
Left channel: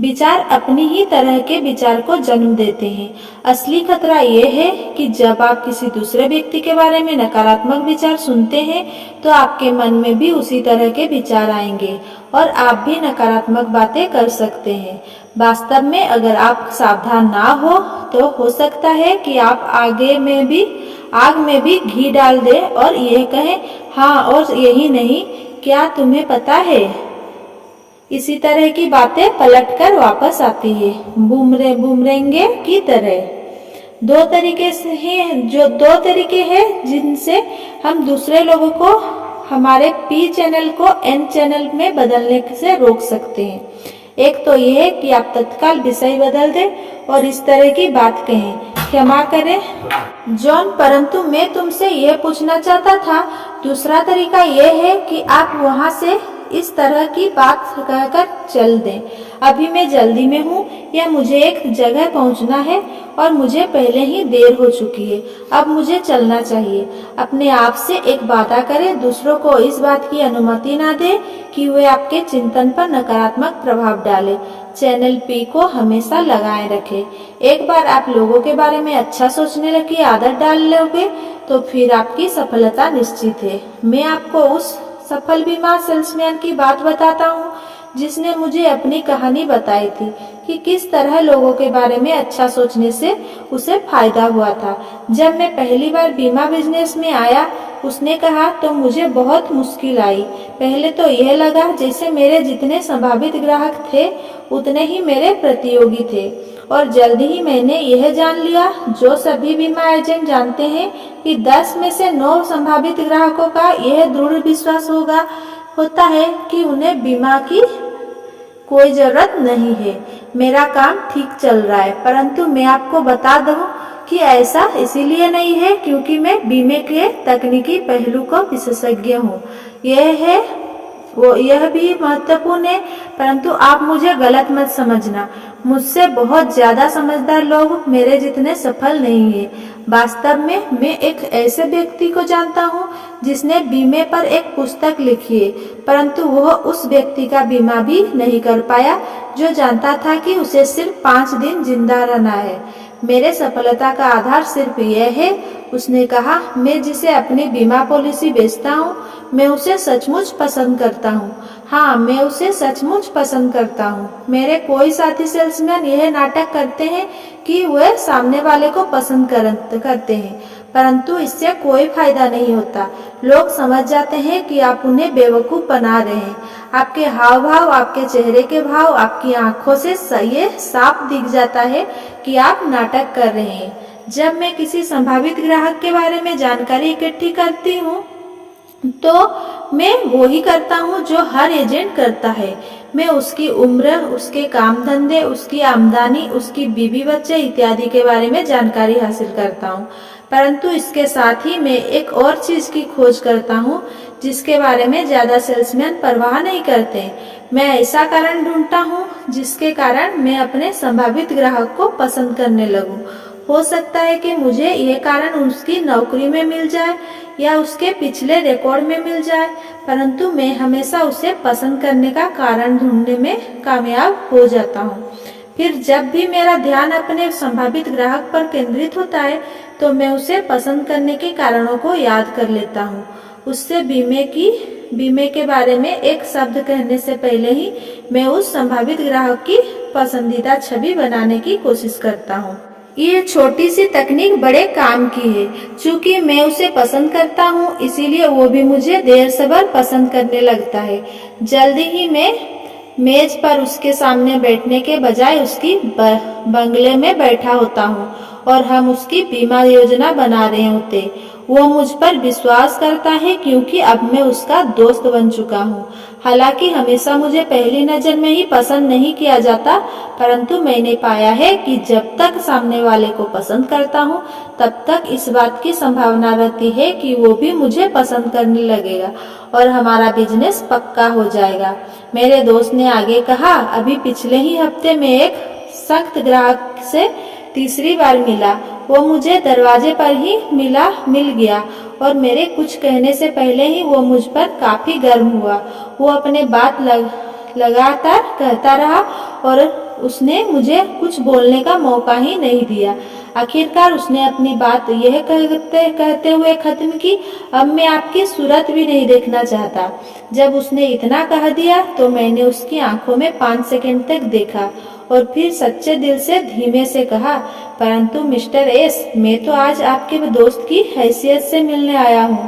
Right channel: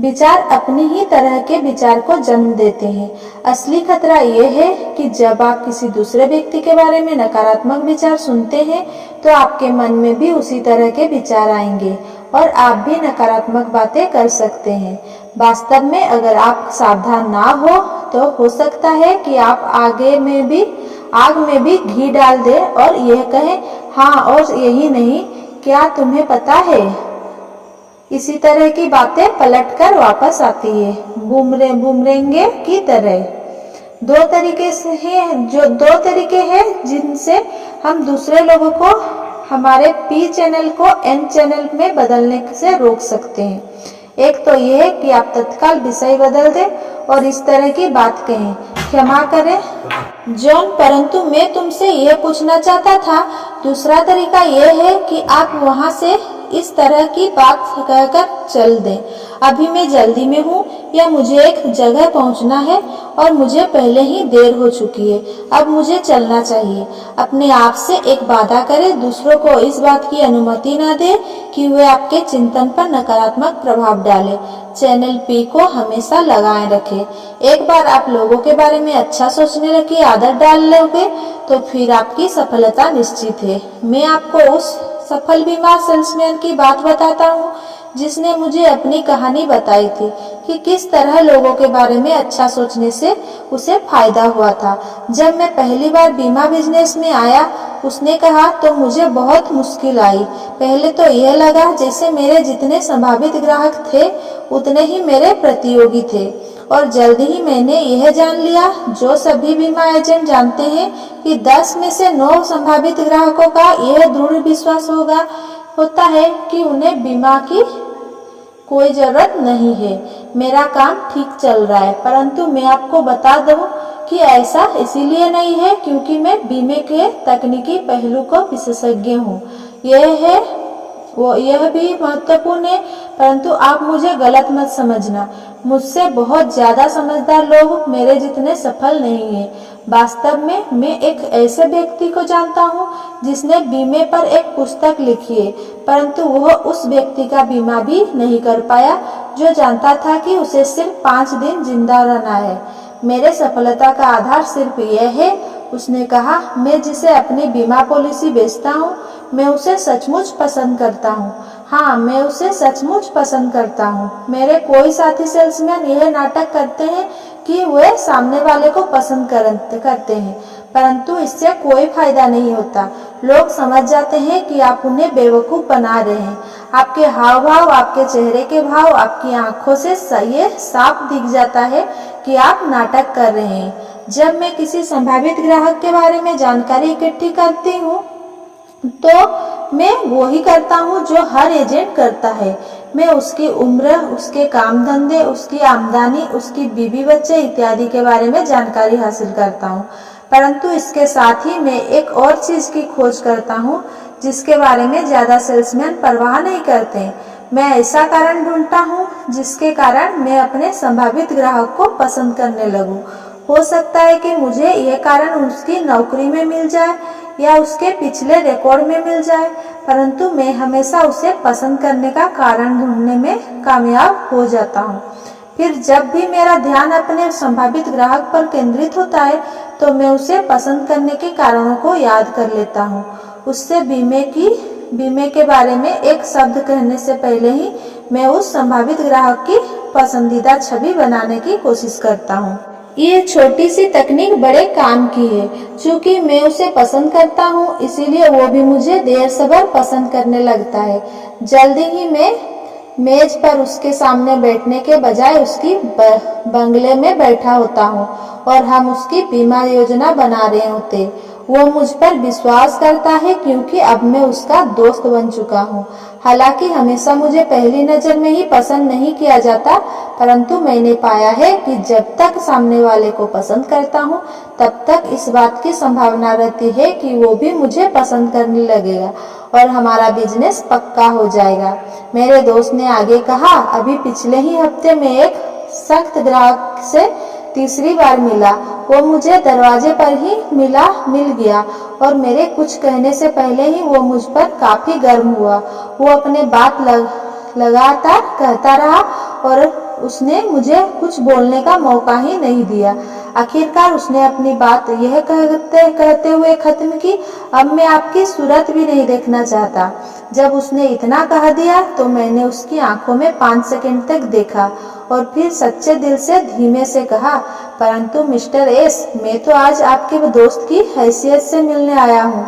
विचार अपनी ही तरह के विचार को जन्म देते हैं। असली खतरा यह है कि जब आप किसी दूसरे व्यक्ति के बारे में नकारात्मक विचार सुनते हैं तो आपके मन में भी उसी तरह के विचार आएंगे और आप भी नकारात्मक बातें कर सकते हैं। वास्तव में अगर आप सावधान ना हो सकता है कि आप आग में भी घी डाल दें और यह कहें, हाँ और यही नहीं, क्या तुम्हें पता है, इसी तरह की बातें पलटकर वापस आती है, बूमरेंगे की तरह। दो तरीके हैं जिनसे हम दूसरे लोगों को हमारे पी चैनल को एन चैनल में बदलने से रोक सकते हैं। एक तो यह है कि आप तत्काल विषय बदल दें और इस तरह की बात कहें, क्षमा करें जॉन, परंतु मैं तुमसे यह पूछना चाहता था। दूसरा तरीका यह है कि आप वहां से इस तरह की बात कहकर चल दें, अभी मैं जल्दी में हूँ या मुझे एक जगह पहुँचना है और मुझे पहले ही देर हो चुकी है, अब मुझे चलना चाहिए। अपने आप से एक वादा करें, दूसरों को इस बात की अनुमति न दें कि वे आपके चिंतन पर नकारात्मक प्रभाव डालें। चैनल पी को हमेशा लगाए रखें। एक बार आप लोगों के बारे में अच्छा सोचने की आदत डाल लोगे तो फिर आपकी सफलता निश्चित है। मैं आपको उस सफल बीमार सेल्समैन की बात बताता हूँ जिसने मुझे अपनी कहानी बताई थी कि किस तरह लोगों के बारे में अच्छा सोचने से उसे फायदा हुआ था। जब मैं पहली बार बीमा बिजनेस में आया, उसने कहा, तो मुझे बहुत मुश्किल आई। पहले तो यह लगा जैसे मेरे जितने संभावित ग्राहक थे उतने ही मेरे प्रतियोगी थे, और जल्दी ही मैंने यह जान लिया जो सभी बीमा एजेंट जानते हैं कि 10 में से 9 संभावित ग्राहकों का यह दृढ़ विश्वास होता है कि उन्हें बीमा की कोई जरूरत नहीं है। मेरा काम ठीक चल रहा है, परंतु मैं आपको बता दूं कि ऐसा इसीलिए नहीं है क्योंकि मैं बीमे के तकनीकी पहलू को विशेषज्ञ हूँ। यह भी महत्वपूर्ण है, परंतु आप मुझे गलत मत समझना। मुझसे बहुत ज्यादा समझदार लोग मेरे जितने सफल नहीं है। वास्तव में मैं एक ऐसे व्यक्ति को जानता हूँ जिसने बीमे पर एक पुस्तक लिखी है, परंतु वह उस व्यक्ति का बीमा भी नहीं कर पाया जो जानता था कि उसे सिर्फ 5 दिन जिंदा रहना है। मेरे सफलता का आधार सिर्फ यह है, उसने कहा, मैं जिसे अपनी बीमा पॉलिसी बेचता हूँ मैं उसे सचमुच पसंद करता हूँ। हाँ, मैं उसे सचमुच पसंद करता हूँ। मेरे कोई साथी सेल्समैन यह नाटक करते हैं कि वे सामने वाले को पसंद करते हैं, परंतु इससे कोई फायदा नहीं होता। लोग समझ जाते हैं कि आप उन्हें बेवकूफ बना रहे हैं। आपके हाव भाव, आपके चेहरे के भाव, आपकी आंखों से ये साफ दिख जाता है कि आप नाटक कर रहे हैं। जब मैं किसी संभावित ग्राहक के बारे में जानकारी इकट्ठी करती हूँ तो मैं वो ही करता हूँ जो हर एजेंट करता है। मैं उसकी उम्र, उसके काम धंधे, उसकी आमदनी, उसकी बीवी बच्चे इत्यादि के बारे में जानकारी हासिल करता हूँ, परंतु इसके साथ ही मैं एक और चीज की खोज करता हूँ जिसके बारे में ज्यादा सेल्समैन परवाह नहीं करते। मैं ऐसा कारण ढूंढता हूँ जिसके कारण मैं अपने संभावित ग्राहक को पसंद करने लगूं। हो सकता है कि मुझे यह कारण उसकी नौकरी में मिल जाए या उसके पिछले रिकॉर्ड में मिल जाए, परंतु मैं हमेशा उसे पसंद करने का कारण ढूंढने में कामयाब हो जाता हूँ। फिर जब भी मेरा ध्यान अपने संभावित ग्राहक पर केंद्रित होता है तो मैं उसे पसंद करने के कारणों को याद कर लेता हूँ। उससे बीमे के बारे में एक शब्द कहने से पहले ही मैं उस संभावित ग्राहक की पसंदीदा छवि बनाने की कोशिश करता हूँ। ये छोटी सी तकनीक बड़े काम की है। चूंकि मैं उसे पसंद करता हूँ इसीलिए वो भी मुझे देर सब्र पसंद करने लगता है। जल्दी ही मैं मेज पर उसके सामने बैठने के बजाय उसकी बंगले में बैठा होता हूँ और हम उसकी बीमा योजना बना रहे होते। वो मुझ पर विश्वास करता है क्योंकि अब मैं उसका दोस्त बन चुका हूँ। हालांकि हमेशा मुझे पहली नजर में ही पसंद नहीं किया जाता, परंतु मैंने पाया है कि जब तक सामने वाले को पसंद करता हूँ तब तक इस बात की संभावना रहती है कि वो भी मुझे पसंद करने लगेगा और हमारा बिजनेस पक्का हो जाएगा। मेरे दोस्त ने आगे कहा, अभी पिछले ही हफ्ते में एक सख्त ग्राहक से तीसरी बार मिला। वो मुझे दरवाजे पर ही मिल गया और मेरे कुछ कहने से पहले ही वो मुझ पर काफी गर्म हुआ। वो अपने बात लगातार कहता रहा और उसने मुझे कुछ बोलने का मौका ही नहीं दिया। आखिरकार उसने अपनी बात यह कहते हुए खत्म की, अब मैं आपकी सूरत भी नहीं देखना चाहता। जब उसने इतना कह दिया तो मैंने उसकी आंखों में 5 सेकंड तक देखा और फिर सच्चे दिल से धीमे से कहा, परंतु मिस्टर एस, मैं तो आज आपके दोस्त की हैसियत से मिलने आया हूँ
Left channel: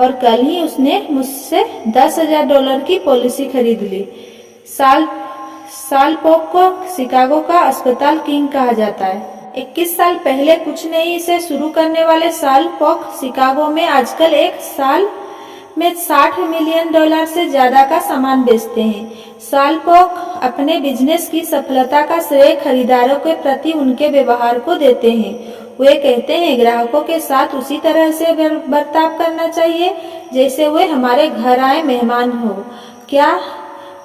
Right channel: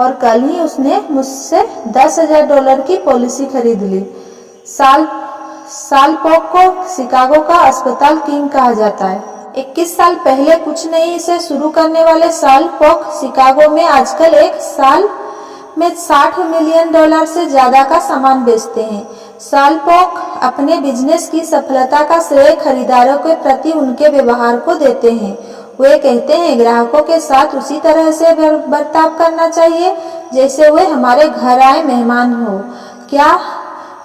और कल ही उसने मुझसे $10,000 की पॉलिसी खरीद ली। सालपोक को शिकागो का अस्पताल किंग कहा जाता है। 21 साल पहले कुछ नहीं से शुरू करने वाले सालपोक शिकागो में आजकल एक साल में $60 मिलियन से ज्यादा का सामान बेचते हैं। सालपोक अपने बिजनेस की सफलता का श्रेय खरीदारों के प्रति उनके व्यवहार को देते हैं। वे कहते हैं ग्राहकों के साथ उसी तरह से बर्ताव करना चाहिए जैसे वे हमारे घर आए मेहमान हो। क्या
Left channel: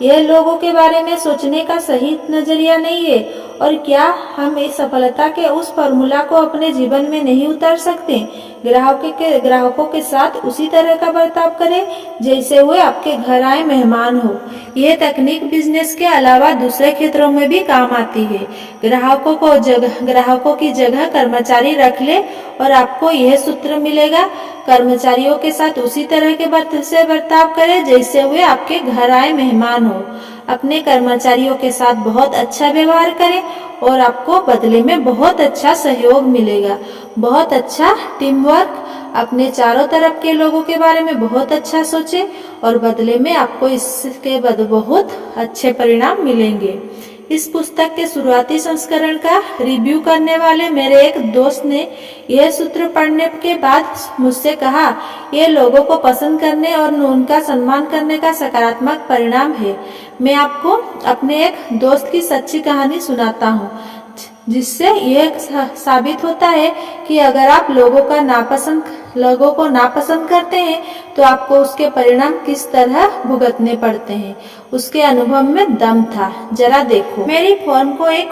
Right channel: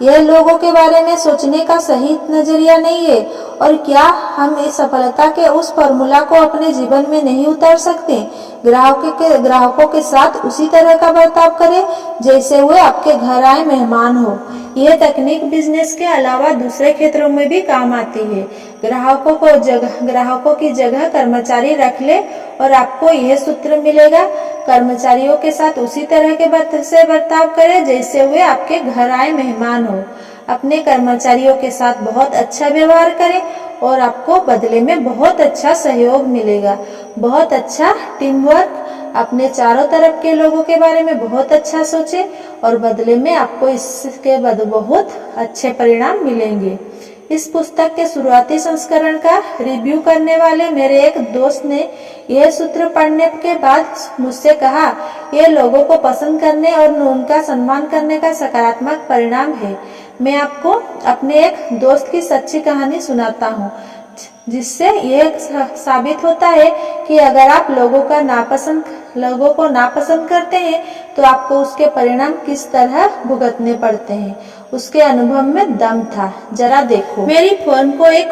यह लोगों के बारे में सोचने का सही नजरिया नहीं है? और क्या हम इस सफलता के उस फॉर्मूला को अपने जीवन में नहीं उतार सकते? ग्राहकों के साथ उसी तरह का बर्ताव करें जैसे वे आपके घर आए मेहमान हो। यह तकनीक बिजनेस के अलावा दूसरे क्षेत्रों में भी काम आती है। ग्राहकों की जगह कर्मचारी रख ले और आपको यह सूत्र मिलेगा। कर्मचारियों के साथ उसी तरह के बर्ताव करें जैसे वे आपके घर आए मेहमान हो। अपने कर्मचारियों के साथ बहुत अच्छा व्यवहार करें और आपको बदले में बहुत अच्छा सहयोग मिलेगा, बहुत अच्छा टीम वर्क। अपने चारों तरफ के लोगों के बारे में बहुत अच्छा सोचें और बदले में आपको इसके बाद बहुत अच्छे परिणाम मिलेंगे। इस पुस्तक के शुरुआती संस्करण का रिव्यू करने वाले मेरे एक दोस्त ने यह सूत्र पढ़ने के बाद मुझसे कहा, यह लोगों को पसंद करने और उनका सम्मान करने का सकारात्मक परिणाम है। मैं आपको अपने एक दोस्त की सच्ची कहानी सुनाता हूँ जिससे यह साबित होता है कि अगर आप लोगों को नापसंद करते हैं तो आपको उसके परिणाम किस तरह भुगतने पड़ते हैं। उसके अनुभव में दम था, जरा देखो। मेरी फर्म को एक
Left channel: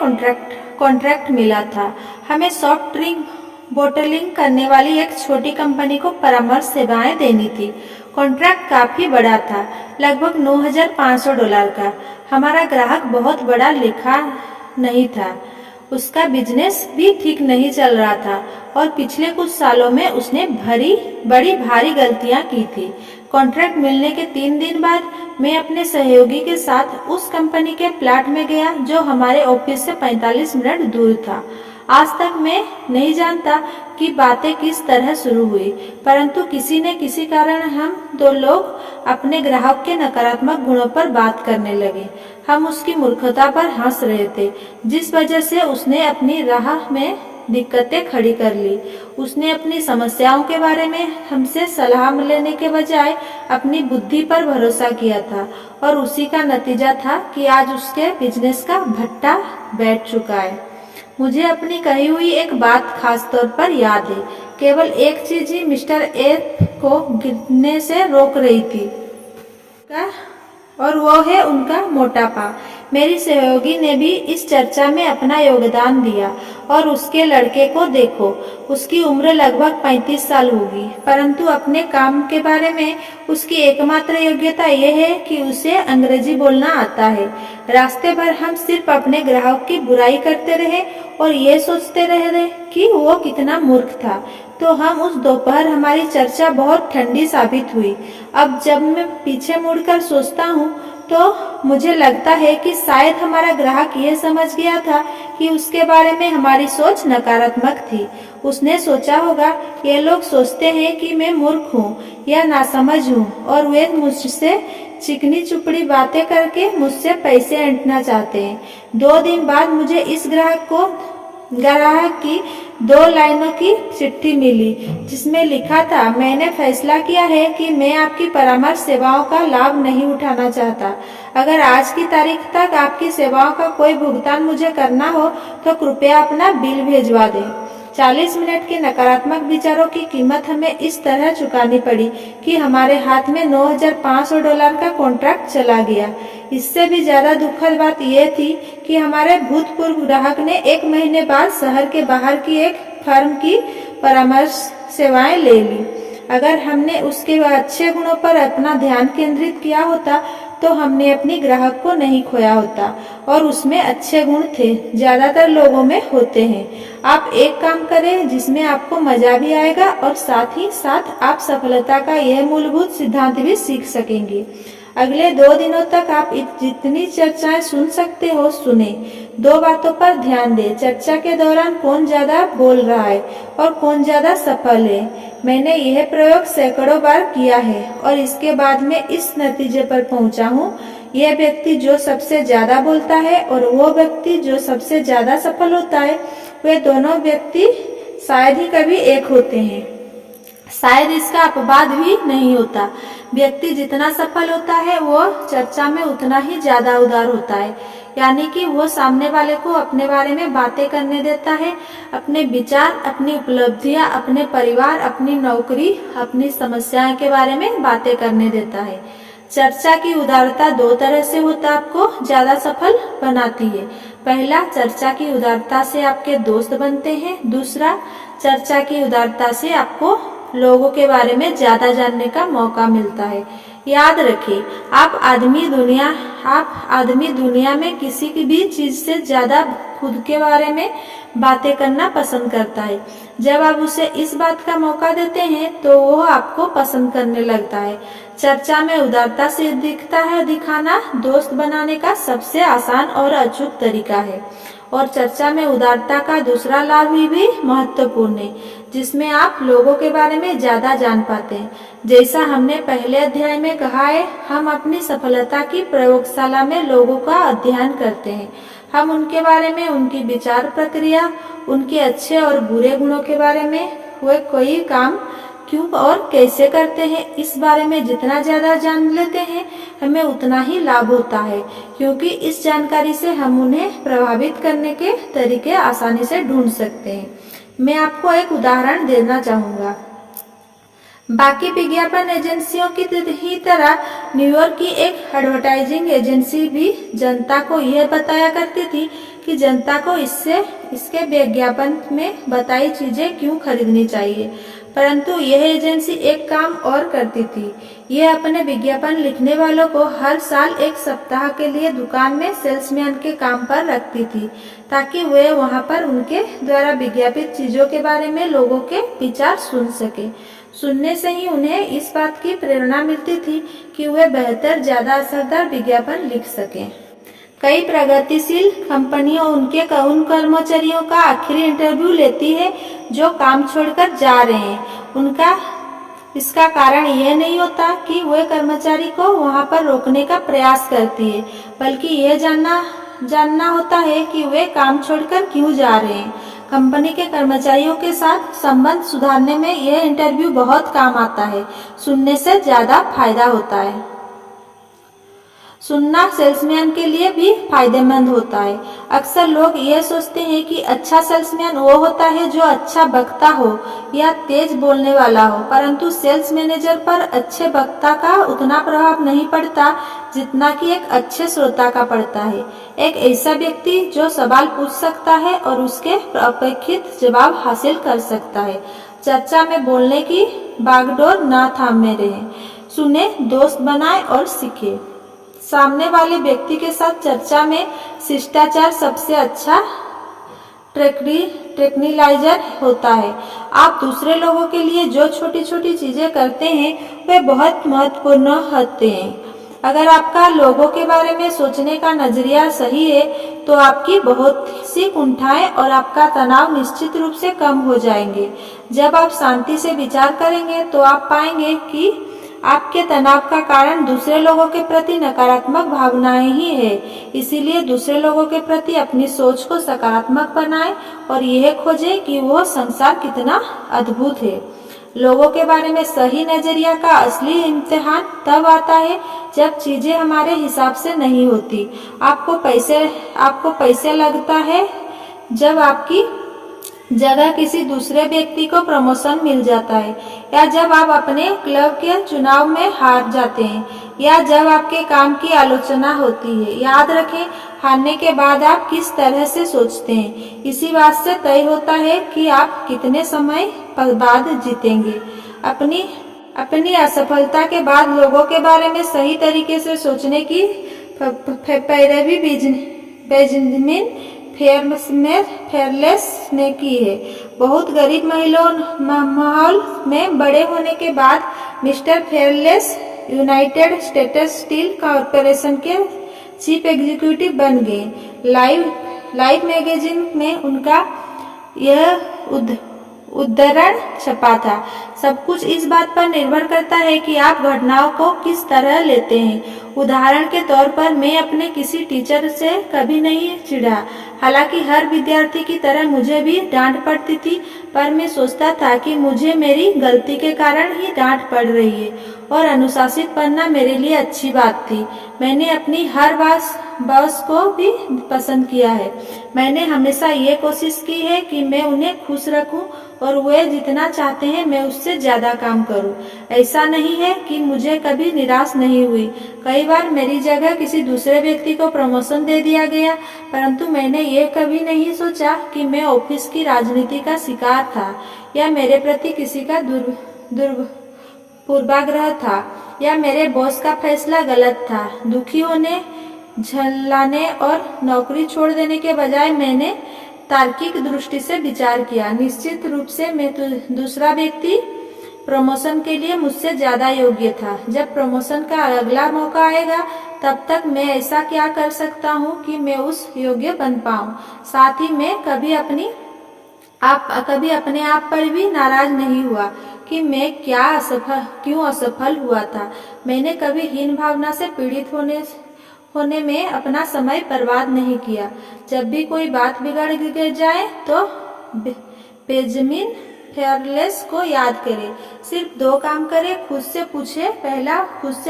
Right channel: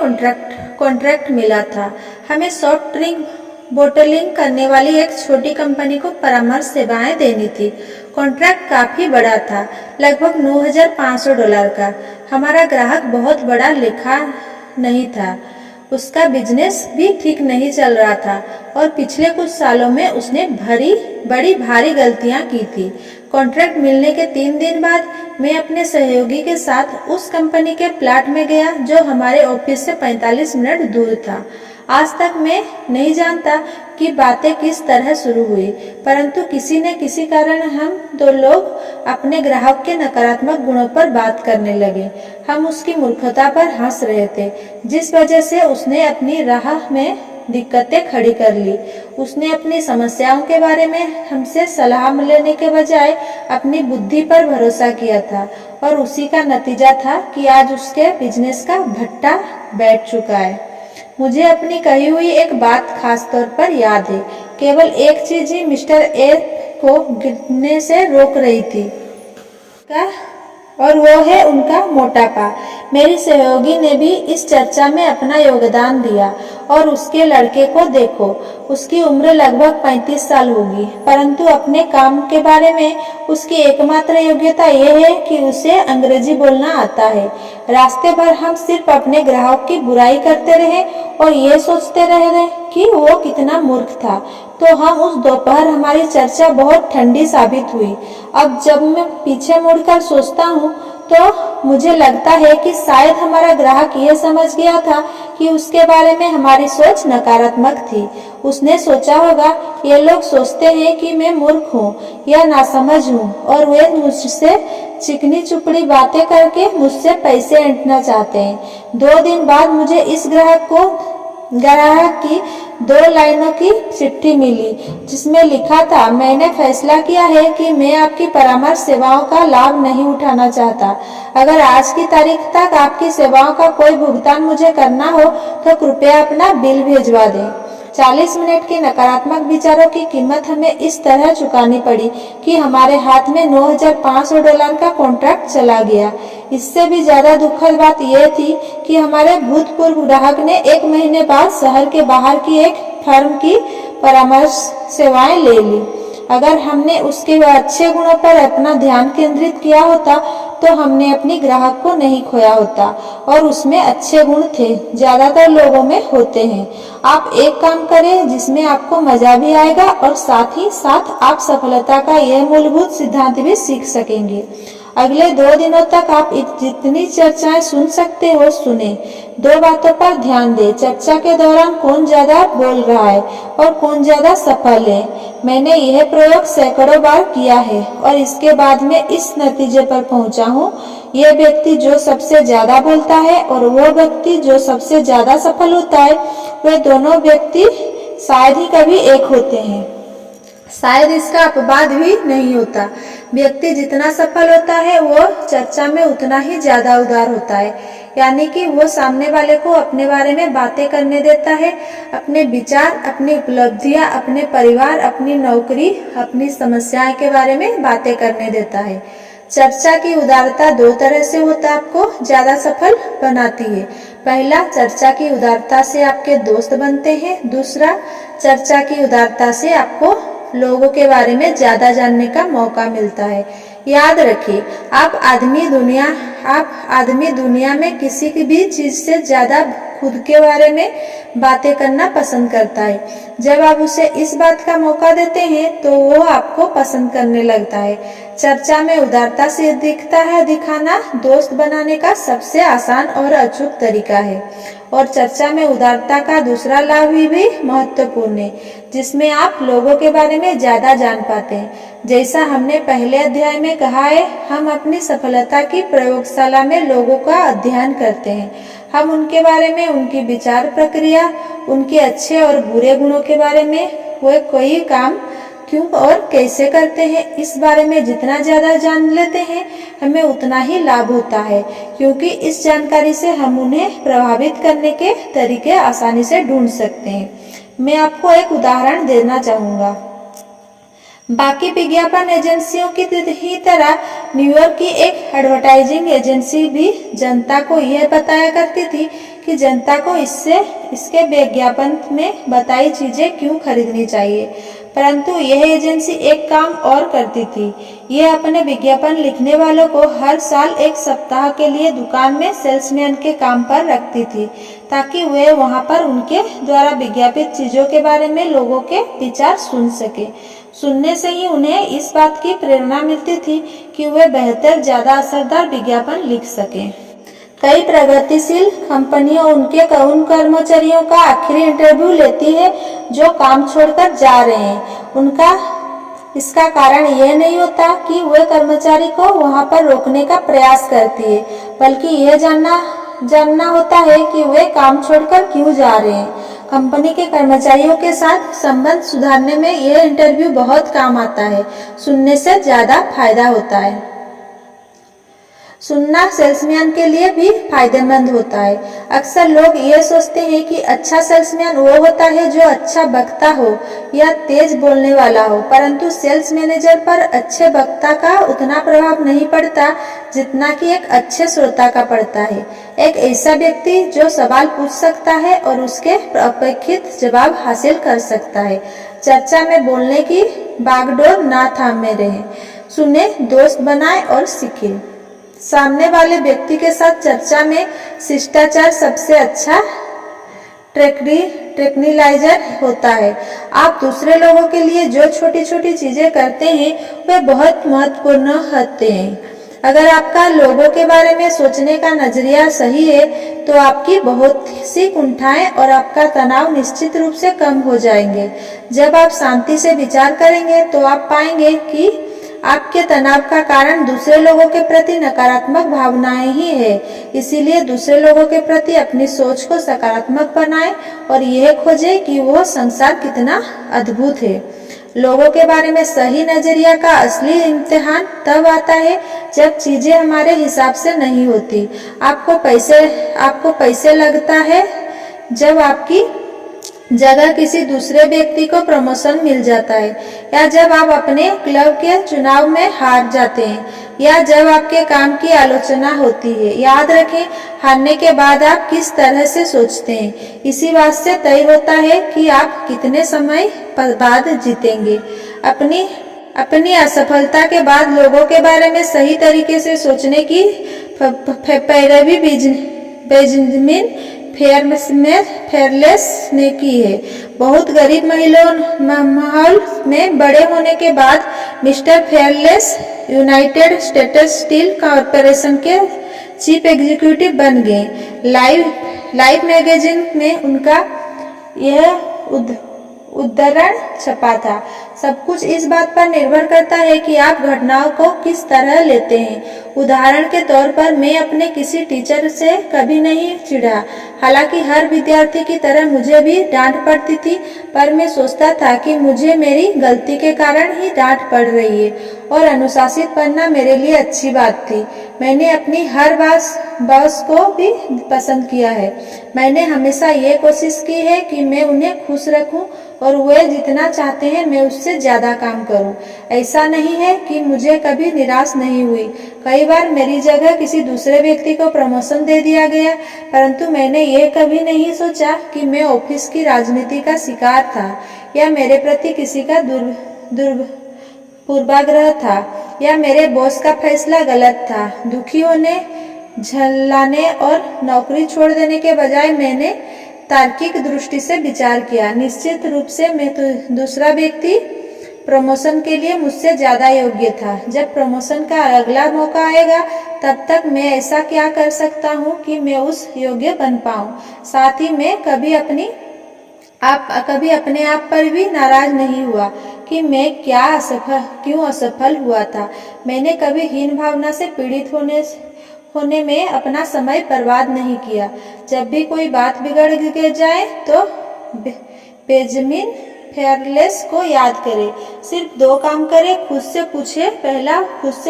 कॉन्ट्रैक्ट मिला था। हमें सॉफ्ट ड्रिंक बोटलिंग करने वाली एक छोटी कंपनी को परामर्श सेवाएं देनी थी। कॉन्ट्रैक्ट काफी बड़ा था, लगभग $9,500 का। हमारा ग्राहक बहुत बड़ा लेखा नहीं था, उसका बिजनेस भी ठीक नहीं चल रहा था और पिछले कुछ सालों में उसने बड़ी भारी गलतियां की थी। कॉन्ट्रैक्ट मिलने के 3 दिन बाद मैं अपने सहयोगी के साथ उस कंपनी के प्लांट में गया जो हमारे ऑफिस से 45 मिनट दूर था। आज तक मैं नहीं जानता कि बातें किस तरह शुरू हुई, परंतु किसी न किसी कारण हम 2 लोग अपने ग्राहक के नकारात्मक गुणों पर बात करने लगे। हम उसकी मूर्खता पर हंस रहे थे, जिस वजह से उसने अपनी राह में दिक्कतें खड़ी कर ली। उसने अपनी समस्याओं के बारे में हमसे सलाह लेने के बजाय अपनी बुद्धि पर भरोसा किया था और उसी का नतीजा था कि आज उसके बिजनेस का भट्टा बैठ चुका है। मुझे अपनी कही हुई एक बात खास तौर पर याद है। केवल एक चीज ही मिस्टर ए को गिरने से रोक रही थी और वो है उनका मोटापा। मेरी सहयोगी ने भी इस चर्चा में अपना योगदान दिया और उसके लड़के को देखो, उसकी उम्र लगभग 35 साल होगी, परंतु अपने काम के बारे में उसकी एकमात्र योग्यता यह है कि उसे अंग्रेजी बोलना आता है। रास्ते भर हम सिर्फ अपने ग्राहक की बुराई करते रहे और ये सोचते रहे कि वो कितना मूर्ख था। तो हम उस दोपहर हमारी चर्चा बहुत ठंडी साबित हुई। अब जब मैं पीछे मुड़कर सोचता हूँ तो मुझे लगता है कि शायद हमारा ग्राहक यह समझ गया था कि उसके बारे में हमारी सोच नकारात्मक थी। उसने सोचा होगा, ये लोग सोचते हैं कि मैं मूर्ख हूँ या नासमझ हूँ और वे मुझसे चिकनी चुपड़ी बातें करके मुझसे पैसे ऐंठना चाहते हैं। 2 दिन बाद मुझे इस ग्राहक की 2 लाइनों की चिट्ठी मिली जिसमें लिखा था, मैंने फैसला किया है कि मैं आपकी परामर्श सेवाओं का लाभ नहीं उठाना चाहता। अगर आज की तारीख तक आपकी सेवाओं का कोई भुगतान मुझे करना हो तो कृपया अपना बिल भिजवा दें। 40 मिनट के नकारात्मक विचारों की कीमत हमें इस तरह चुकानी पड़ी कि हमारे हाथ में $9,500 का कॉन्ट्रैक्ट चला गया। इससे भी ज्यादा दुखद बात यह थी कि हमारे भूतपूर्व ग्राहक ने 1 महीने बाद शहर के बाहर की एक फर्म की परामर्श सेवाएं ले ली। अगर हमने उसके अच्छे गुणों पर अपना ध्यान केंद्रित किया होता तो हमने अपनी ग्राहक को नहीं खोया होता और उसमें अच्छे गुण थे, ज्यादातर लोगों में होते हैं। आप एक काम करें जिसमें आपको मजा भी आएगा और साथ ही साथ आप सफलता का यह मूलभूत सिद्धांत भी सीख सकेंगे। अगले 2 दिनों तक आप जितनी चर्चाएं सुन सकते हो सुने। 2 बातों पर ध्यान दें। चर्चा के दौरान कौन ज्यादा बोल रहा है और कौन ज्यादा सफल है। मैंने यह प्रयोग सैकड़ों बार किया है और इसके बाद में इस नतीजे पर पहुंचा हूँ, यह व्यक्ति जो सबसे ज्यादा बोलता है और वह व्यक्ति जो सबसे ज्यादा सफल होता है, वे दोनों व्यक्ति शायद ही कभी एक होते हैं। शायद इसका अपवाद भी नहीं होता। व्यक्ति जितना सफल होता है वो चर्चा में उतना ही ज्यादा उदार होता है, यानी कि वो सामने वाले को अपने बारे में बातें करने देता है, अपने विचार, अपनी उपलब्धियां, अपने परिवार, अपनी नौकरी, अपनी समस्याएं के बारे में बातें करने देता है। चर्चा की उदारता 2 तरह से होता आपको ज्यादा सफल बनाती है। पहला, चर्चा की उदारता से आपके दोस्त बनते हैं। दूसरा, चर्चा की उदारता से आपको लोगों के बारे में ज्यादा जानने का मौका मिलता है। याद रखिए, आप आदमी दुनिया में किसी की भी चीज से ज्यादा खुद के बारे में बातें करना पसंद करता है। जब आप उसे इस बात का मौका देते हैं तो वो आपको पसंद करने लगता है। चर्चा में उदारता से दिखाना दोस्त बनाने का सबसे आसान और अचूक तरीका है। और चर्चा में उदारता का दूसरा लाभ भी महत्वपूर्ण है, जिसमें आप लोगों के बारे में ज्यादा जान पाते हैं। जैसा हमने पहले अध्याय में कहा है, हम अपनी सफलता की प्रयोगशाला में लोगों का अध्ययन करते हैं। हम उनके बारे में, उनकी विचार प्रक्रिया, उनके अच्छे और बुरे गुणों के बारे में, वे कोई काम क्यों और कैसे करते हैं, इस बारे में जितना ज्यादा जान लेते हैं, हमें उतना ही लाभ होता है, क्योंकि इस जानकारी से हम उन्हें प्रभावित करने के तरीके आसानी से ढूंढ सकते हैं। मैं आपको एक उदाहरण देना चाहूंगा। बाकी विज्ञापन एजेंसियों की ही तरह न्यूयॉर्क की एक एडवर्टाइजिंग एजेंसी भी जनता को यह बताया करती थी कि जनता को इसके विज्ञापन में बताई चीजें क्यों खरीदनी चाहिए। परंतु यह एजेंसी एक काम और करती थी। यह अपने विज्ञापन लिखने वालों को हर साल 1 सप्ताह के लिए दुकान में सेल्समैन के काम पर रखती थी, ताकि वे वहां पर उनके द्वारा विज्ञापित चीजों के बारे में लोगों के विचार सुन सके। सुनने से ही उन्हें इस बात की प्रेरणा मिलती थी कि वे बेहतर, ज्यादा असरदार विज्ञापन लिख सकें। कई प्रगतिशील कंपनियां उन कर्मचारियों का आखिरी इंटरव्यू लेती है जो काम छोड़कर जा रहे हैं। इसका कारण यह नहीं होता कि वे कर्मचारी को वहां पर रोकने का प्रयास करती है, बल्कि यह जानना होता है कि वे काम छोड़कर क्यों जा रहे हैं। कंपनी के कर्मचारियों के साथ संबंध सुधारने में यह इंटरव्यू बहुत काम आता है। सुनने से ज्यादा फायदा होता है। सुनना सेल्समैन के लिए भी फायदेमंद होता है। अक्सर लोग ये सोचते हैं कि अच्छा सेल्समैन वो होता है जो अच्छा वक्ता हो या तेज बोलने वाला हो, परंतु सेल्स मैनेजर पर अच्छे वक्ता का उतना प्रभाव नहीं पड़ता जितना कि एक अच्छे श्रोता का पड़ता है। एक ऐसा व्यक्ति जो सवाल पूछ सकता है और उसके अपेक्षित जवाब हासिल कर सकता है। चर्चा में बोलने की बागडोर ना थामे रहें। सुने, दोस्त बनाए और सीखे। सामने वाले व्यक्ति के साथ चर्चा में शिष्टाचार सबसे अच्छा ट्रैंक्विलाइजर होता है। आप दूसरे लोगों के लिए जो छोटी छोटी चीजें करते हैं वे बहुत महत्वपूर्ण होते हैं। अगर आपका लोगों के बारे में सोचने का नजरिया सही है तो आपकी बहुत सी कुंठाएं और आपका तनाव निश्चित रूप से कम हो जाएंगे। जब आप शांति से विचार करेंगे तो आप पाएंगे कि आपके तनाव का कारण दूसरे लोगों के प्रति नकारात्मक भावनाएं ही है। इसीलिए दूसरे लोगों के प्रति अपनी सोच को सकारात्मक बनाएं और यह खोजें कि वो संसार कितना अद्भुत है। लोगों के बारे में सही नजरिया का असली इम्तिहान तब आता है जब चीजें हमारे हिसाब से नहीं होती। आपको पैसे लगता है जब आपकी जगह किसी दूसरे व्यक्ति को प्रमोशन मिल जाता है, या जब आप अपने क्लब के चुनाव में हार जाते हैं, या जब आपके काम की आलोचना होती है। याद रखें, हारने के बाद आप किस तरह से सोचते हैं इसी बात से तय होता है कि आप कितने समय बाद जीतेंगे। अपनी असफलता के बाद लोगों के बारे में सही तरीके से सोचने की पैरवी बेंजामिन फेयरलेस ने की है। बहुत गरीब माहौल में बड़े होने के बाद mister fearless United states steel corporation के चीफ एग्जीक्यूटिव बन गए। लाइफ मैगजीन में उनका यह उद्धरण छपा था। सब कुछ इस बात पर निर्भर करता है कि आप घटनाओं को किस तरह लेते हैं। उदाहरण के तौर पर मैं अपने किसी टीचर से कभी नहीं चिढ़ा। हालांकि हर विद्यार्थी की तरह मुझे भी डांट पड़ती थी, पर मैं सोचता था कि मुझे मेरी गलती के कारण ही डांट पड़ रही है और अनुशासित बनना मेरे लिए अच्छी बात थी। मैंने अपनी हर बॉस को भी पसंद किया है। मैंने हमेशा ये कोशिश की है कि मैं उन्हें खुश रखूं और वे जितना चाहते हैं मैं उससे ज्यादा काम करूं। ऐसा नहीं है कि मुझे कभी निराश नहीं हुई। कई बार मेरी जगह किसी दूसरे व्यक्ति को प्रमोशन दे दिया गया, परंतु मैंने ये कभी नहीं सोचा कि मैं ऑफिस की राजनीति का शिकार था या मेरे प्रति किसी का पूर्वाग्रह था या मेरे बॉस का फैसला गलत था। दुखी होने, झल्लाने और नौकरी छोड़ देने के बजाय मैंने तार्किक दृष्टि से विचार किया। निश्चित रूप से मैं दूसरा व्यक्ति प्रमोशन के लिए मुझसे ज्यादा योग्य था। जब प्रमोशन का अगला मौका आएगा तब तक मैं ऐसा क्या कर सकता हूँ कि मैं उस योग्य बन पाऊँ। साथ ही मैं कभी अपने आप पर भी नाराज नहीं हुआ कि मैं क्यों असफल हुआ था। मैंने कभी हीन भावना से पीड़ित होने में अपना समय बर्बाद नहीं किया। जब भी कोई बात बिगड़ जाए तो बेंजामिन फेयरलेस को याद करें। सिर्फ 2 काम करें। खुद से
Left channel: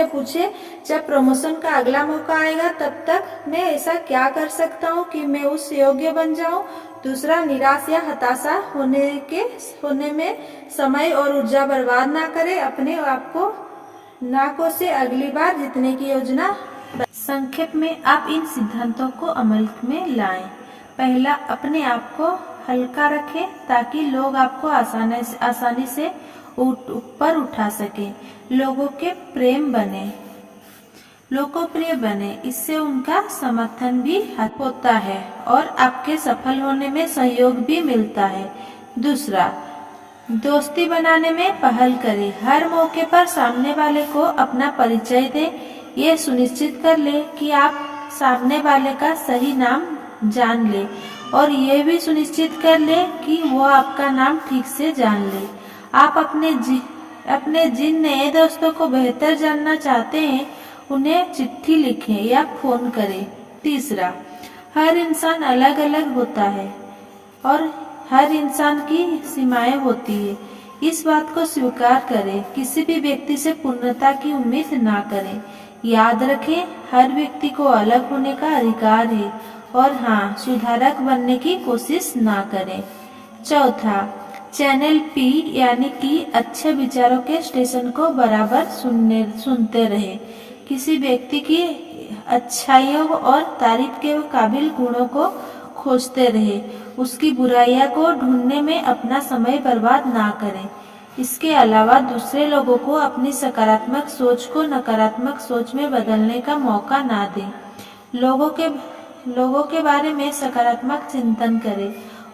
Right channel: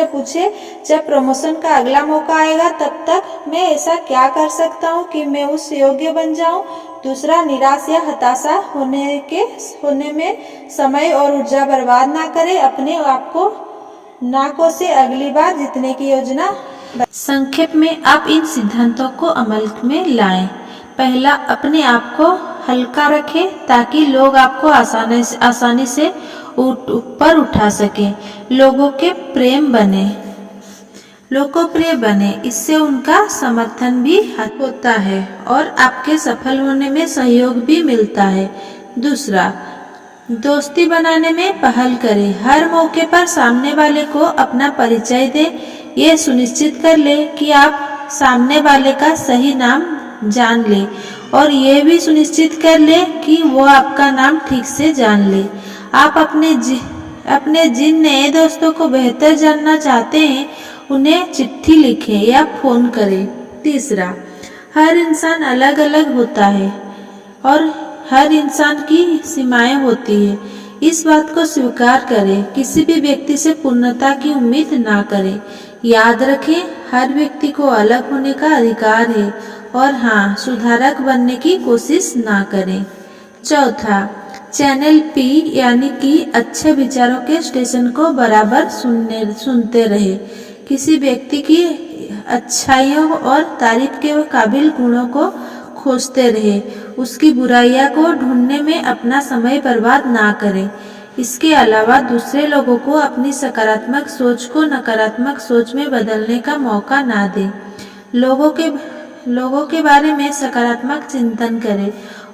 पूछे जब प्रमोशन का अगला मौका आएगा तब तक मैं ऐसा क्या कर सकता हूँ कि मैं उस योग्य बन जाऊं। दूसरा, निराश या हताशा होने में समय और ऊर्जा बर्बाद ना करें। अपने आप को ना कोसे, अगली बार जीतने की योजना। संक्षेप में आप इन सिद्धांतों को अमल में लाएं। पहला, अपने आप को हल्का रखें ताकि लोग आपको आसानी से ऊपर उठा सकें। लोकप्रिय बने, इससे उनका समर्थन भी होता है और आपके सफल होने में सहयोग भी मिलता है। दूसरा, दोस्ती बनाने में पहल करें। हर मौके पर सामने वाले को अपना परिचय दें। ये सुनिश्चित कर ले कि आप सामने वाले का सही नाम जान ले और ये भी सुनिश्चित कर ले कि वो आपका नाम ठीक से जान ले। आप अपने जिन नए दोस्तों को बेहतर जानना चाहते हैं उन्हें चिट्ठी लिखें या फोन करें। तीसरा, हर इंसान अलग अलग होता है और हर इंसान की सीमाएं होती है। इस बात को स्वीकार करें। किसी भी व्यक्ति से पूर्णता की उम्मीद ना करें। याद रखें, हर व्यक्ति को अलग होने का अधिकार है और हाँ, सुधारक बनने की कोशिश ना करें। चौथा, चैनल पी यानी कि अच्छे विचारों के स्टेशन को बराबर सुनते रहे। किसी व्यक्ति की अच्छाइयों और तारीफ के काबिल गुणों को खोजते रहे। उसकी बुराइयां को ढूंढने में अपना समय बर्बाद ना करें। इसके अलावा दूसरे लोगों को अपनी सकारात्मक सोच को नकारात्मक सोच में बदलने का मौका ना दें। लोगों के बारे में सकारात्मक चिंतन करें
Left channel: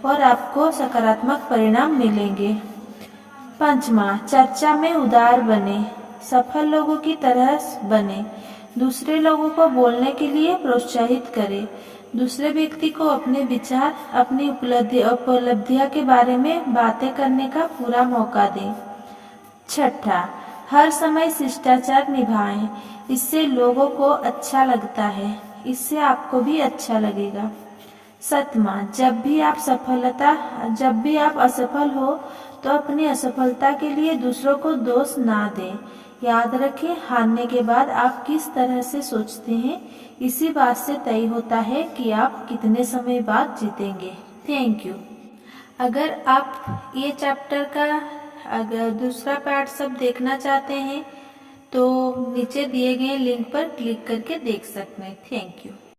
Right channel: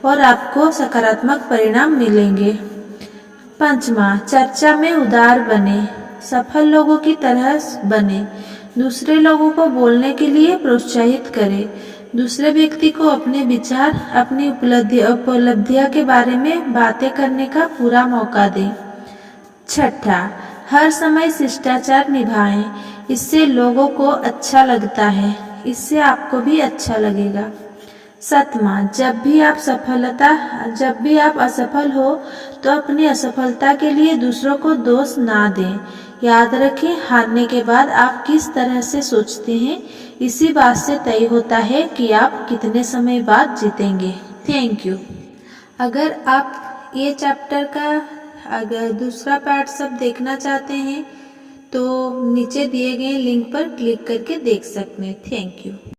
और आपको सकारात्मक परिणाम मिलेंगे। पांचवा, चर्चा में उदार बने। सफल लोगों की तरह बने। दूसरे लोगों को बोलने के लिए प्रोत्साहित करें। दूसरे व्यक्ति को अपने विचार, अपनी उपलब्धियां के बारे में बातें करने का पूरा मौका दें। छठा, हर समय शिष्टाचार निभाएं। इससे लोगों को अच्छा लगता है, इससे आपको भी अच्छा लगेगा। सातवां, जब भी आप असफल हो तो अपनी असफलता के लिए दूसरों को दोष ना दें। याद रखें, हारने के बाद आप किस तरह से सोचते हैं इसी बात से तय होता है कि आप कितने समय बाद जीतेंगे। Thank you. अगर आप ये चैप्टर का अगर दूसरा पार्ट सब देखना चाहते हैं तो नीचे दिए गए लिंक पर क्लिक करके देख सकते हैं। Thank you.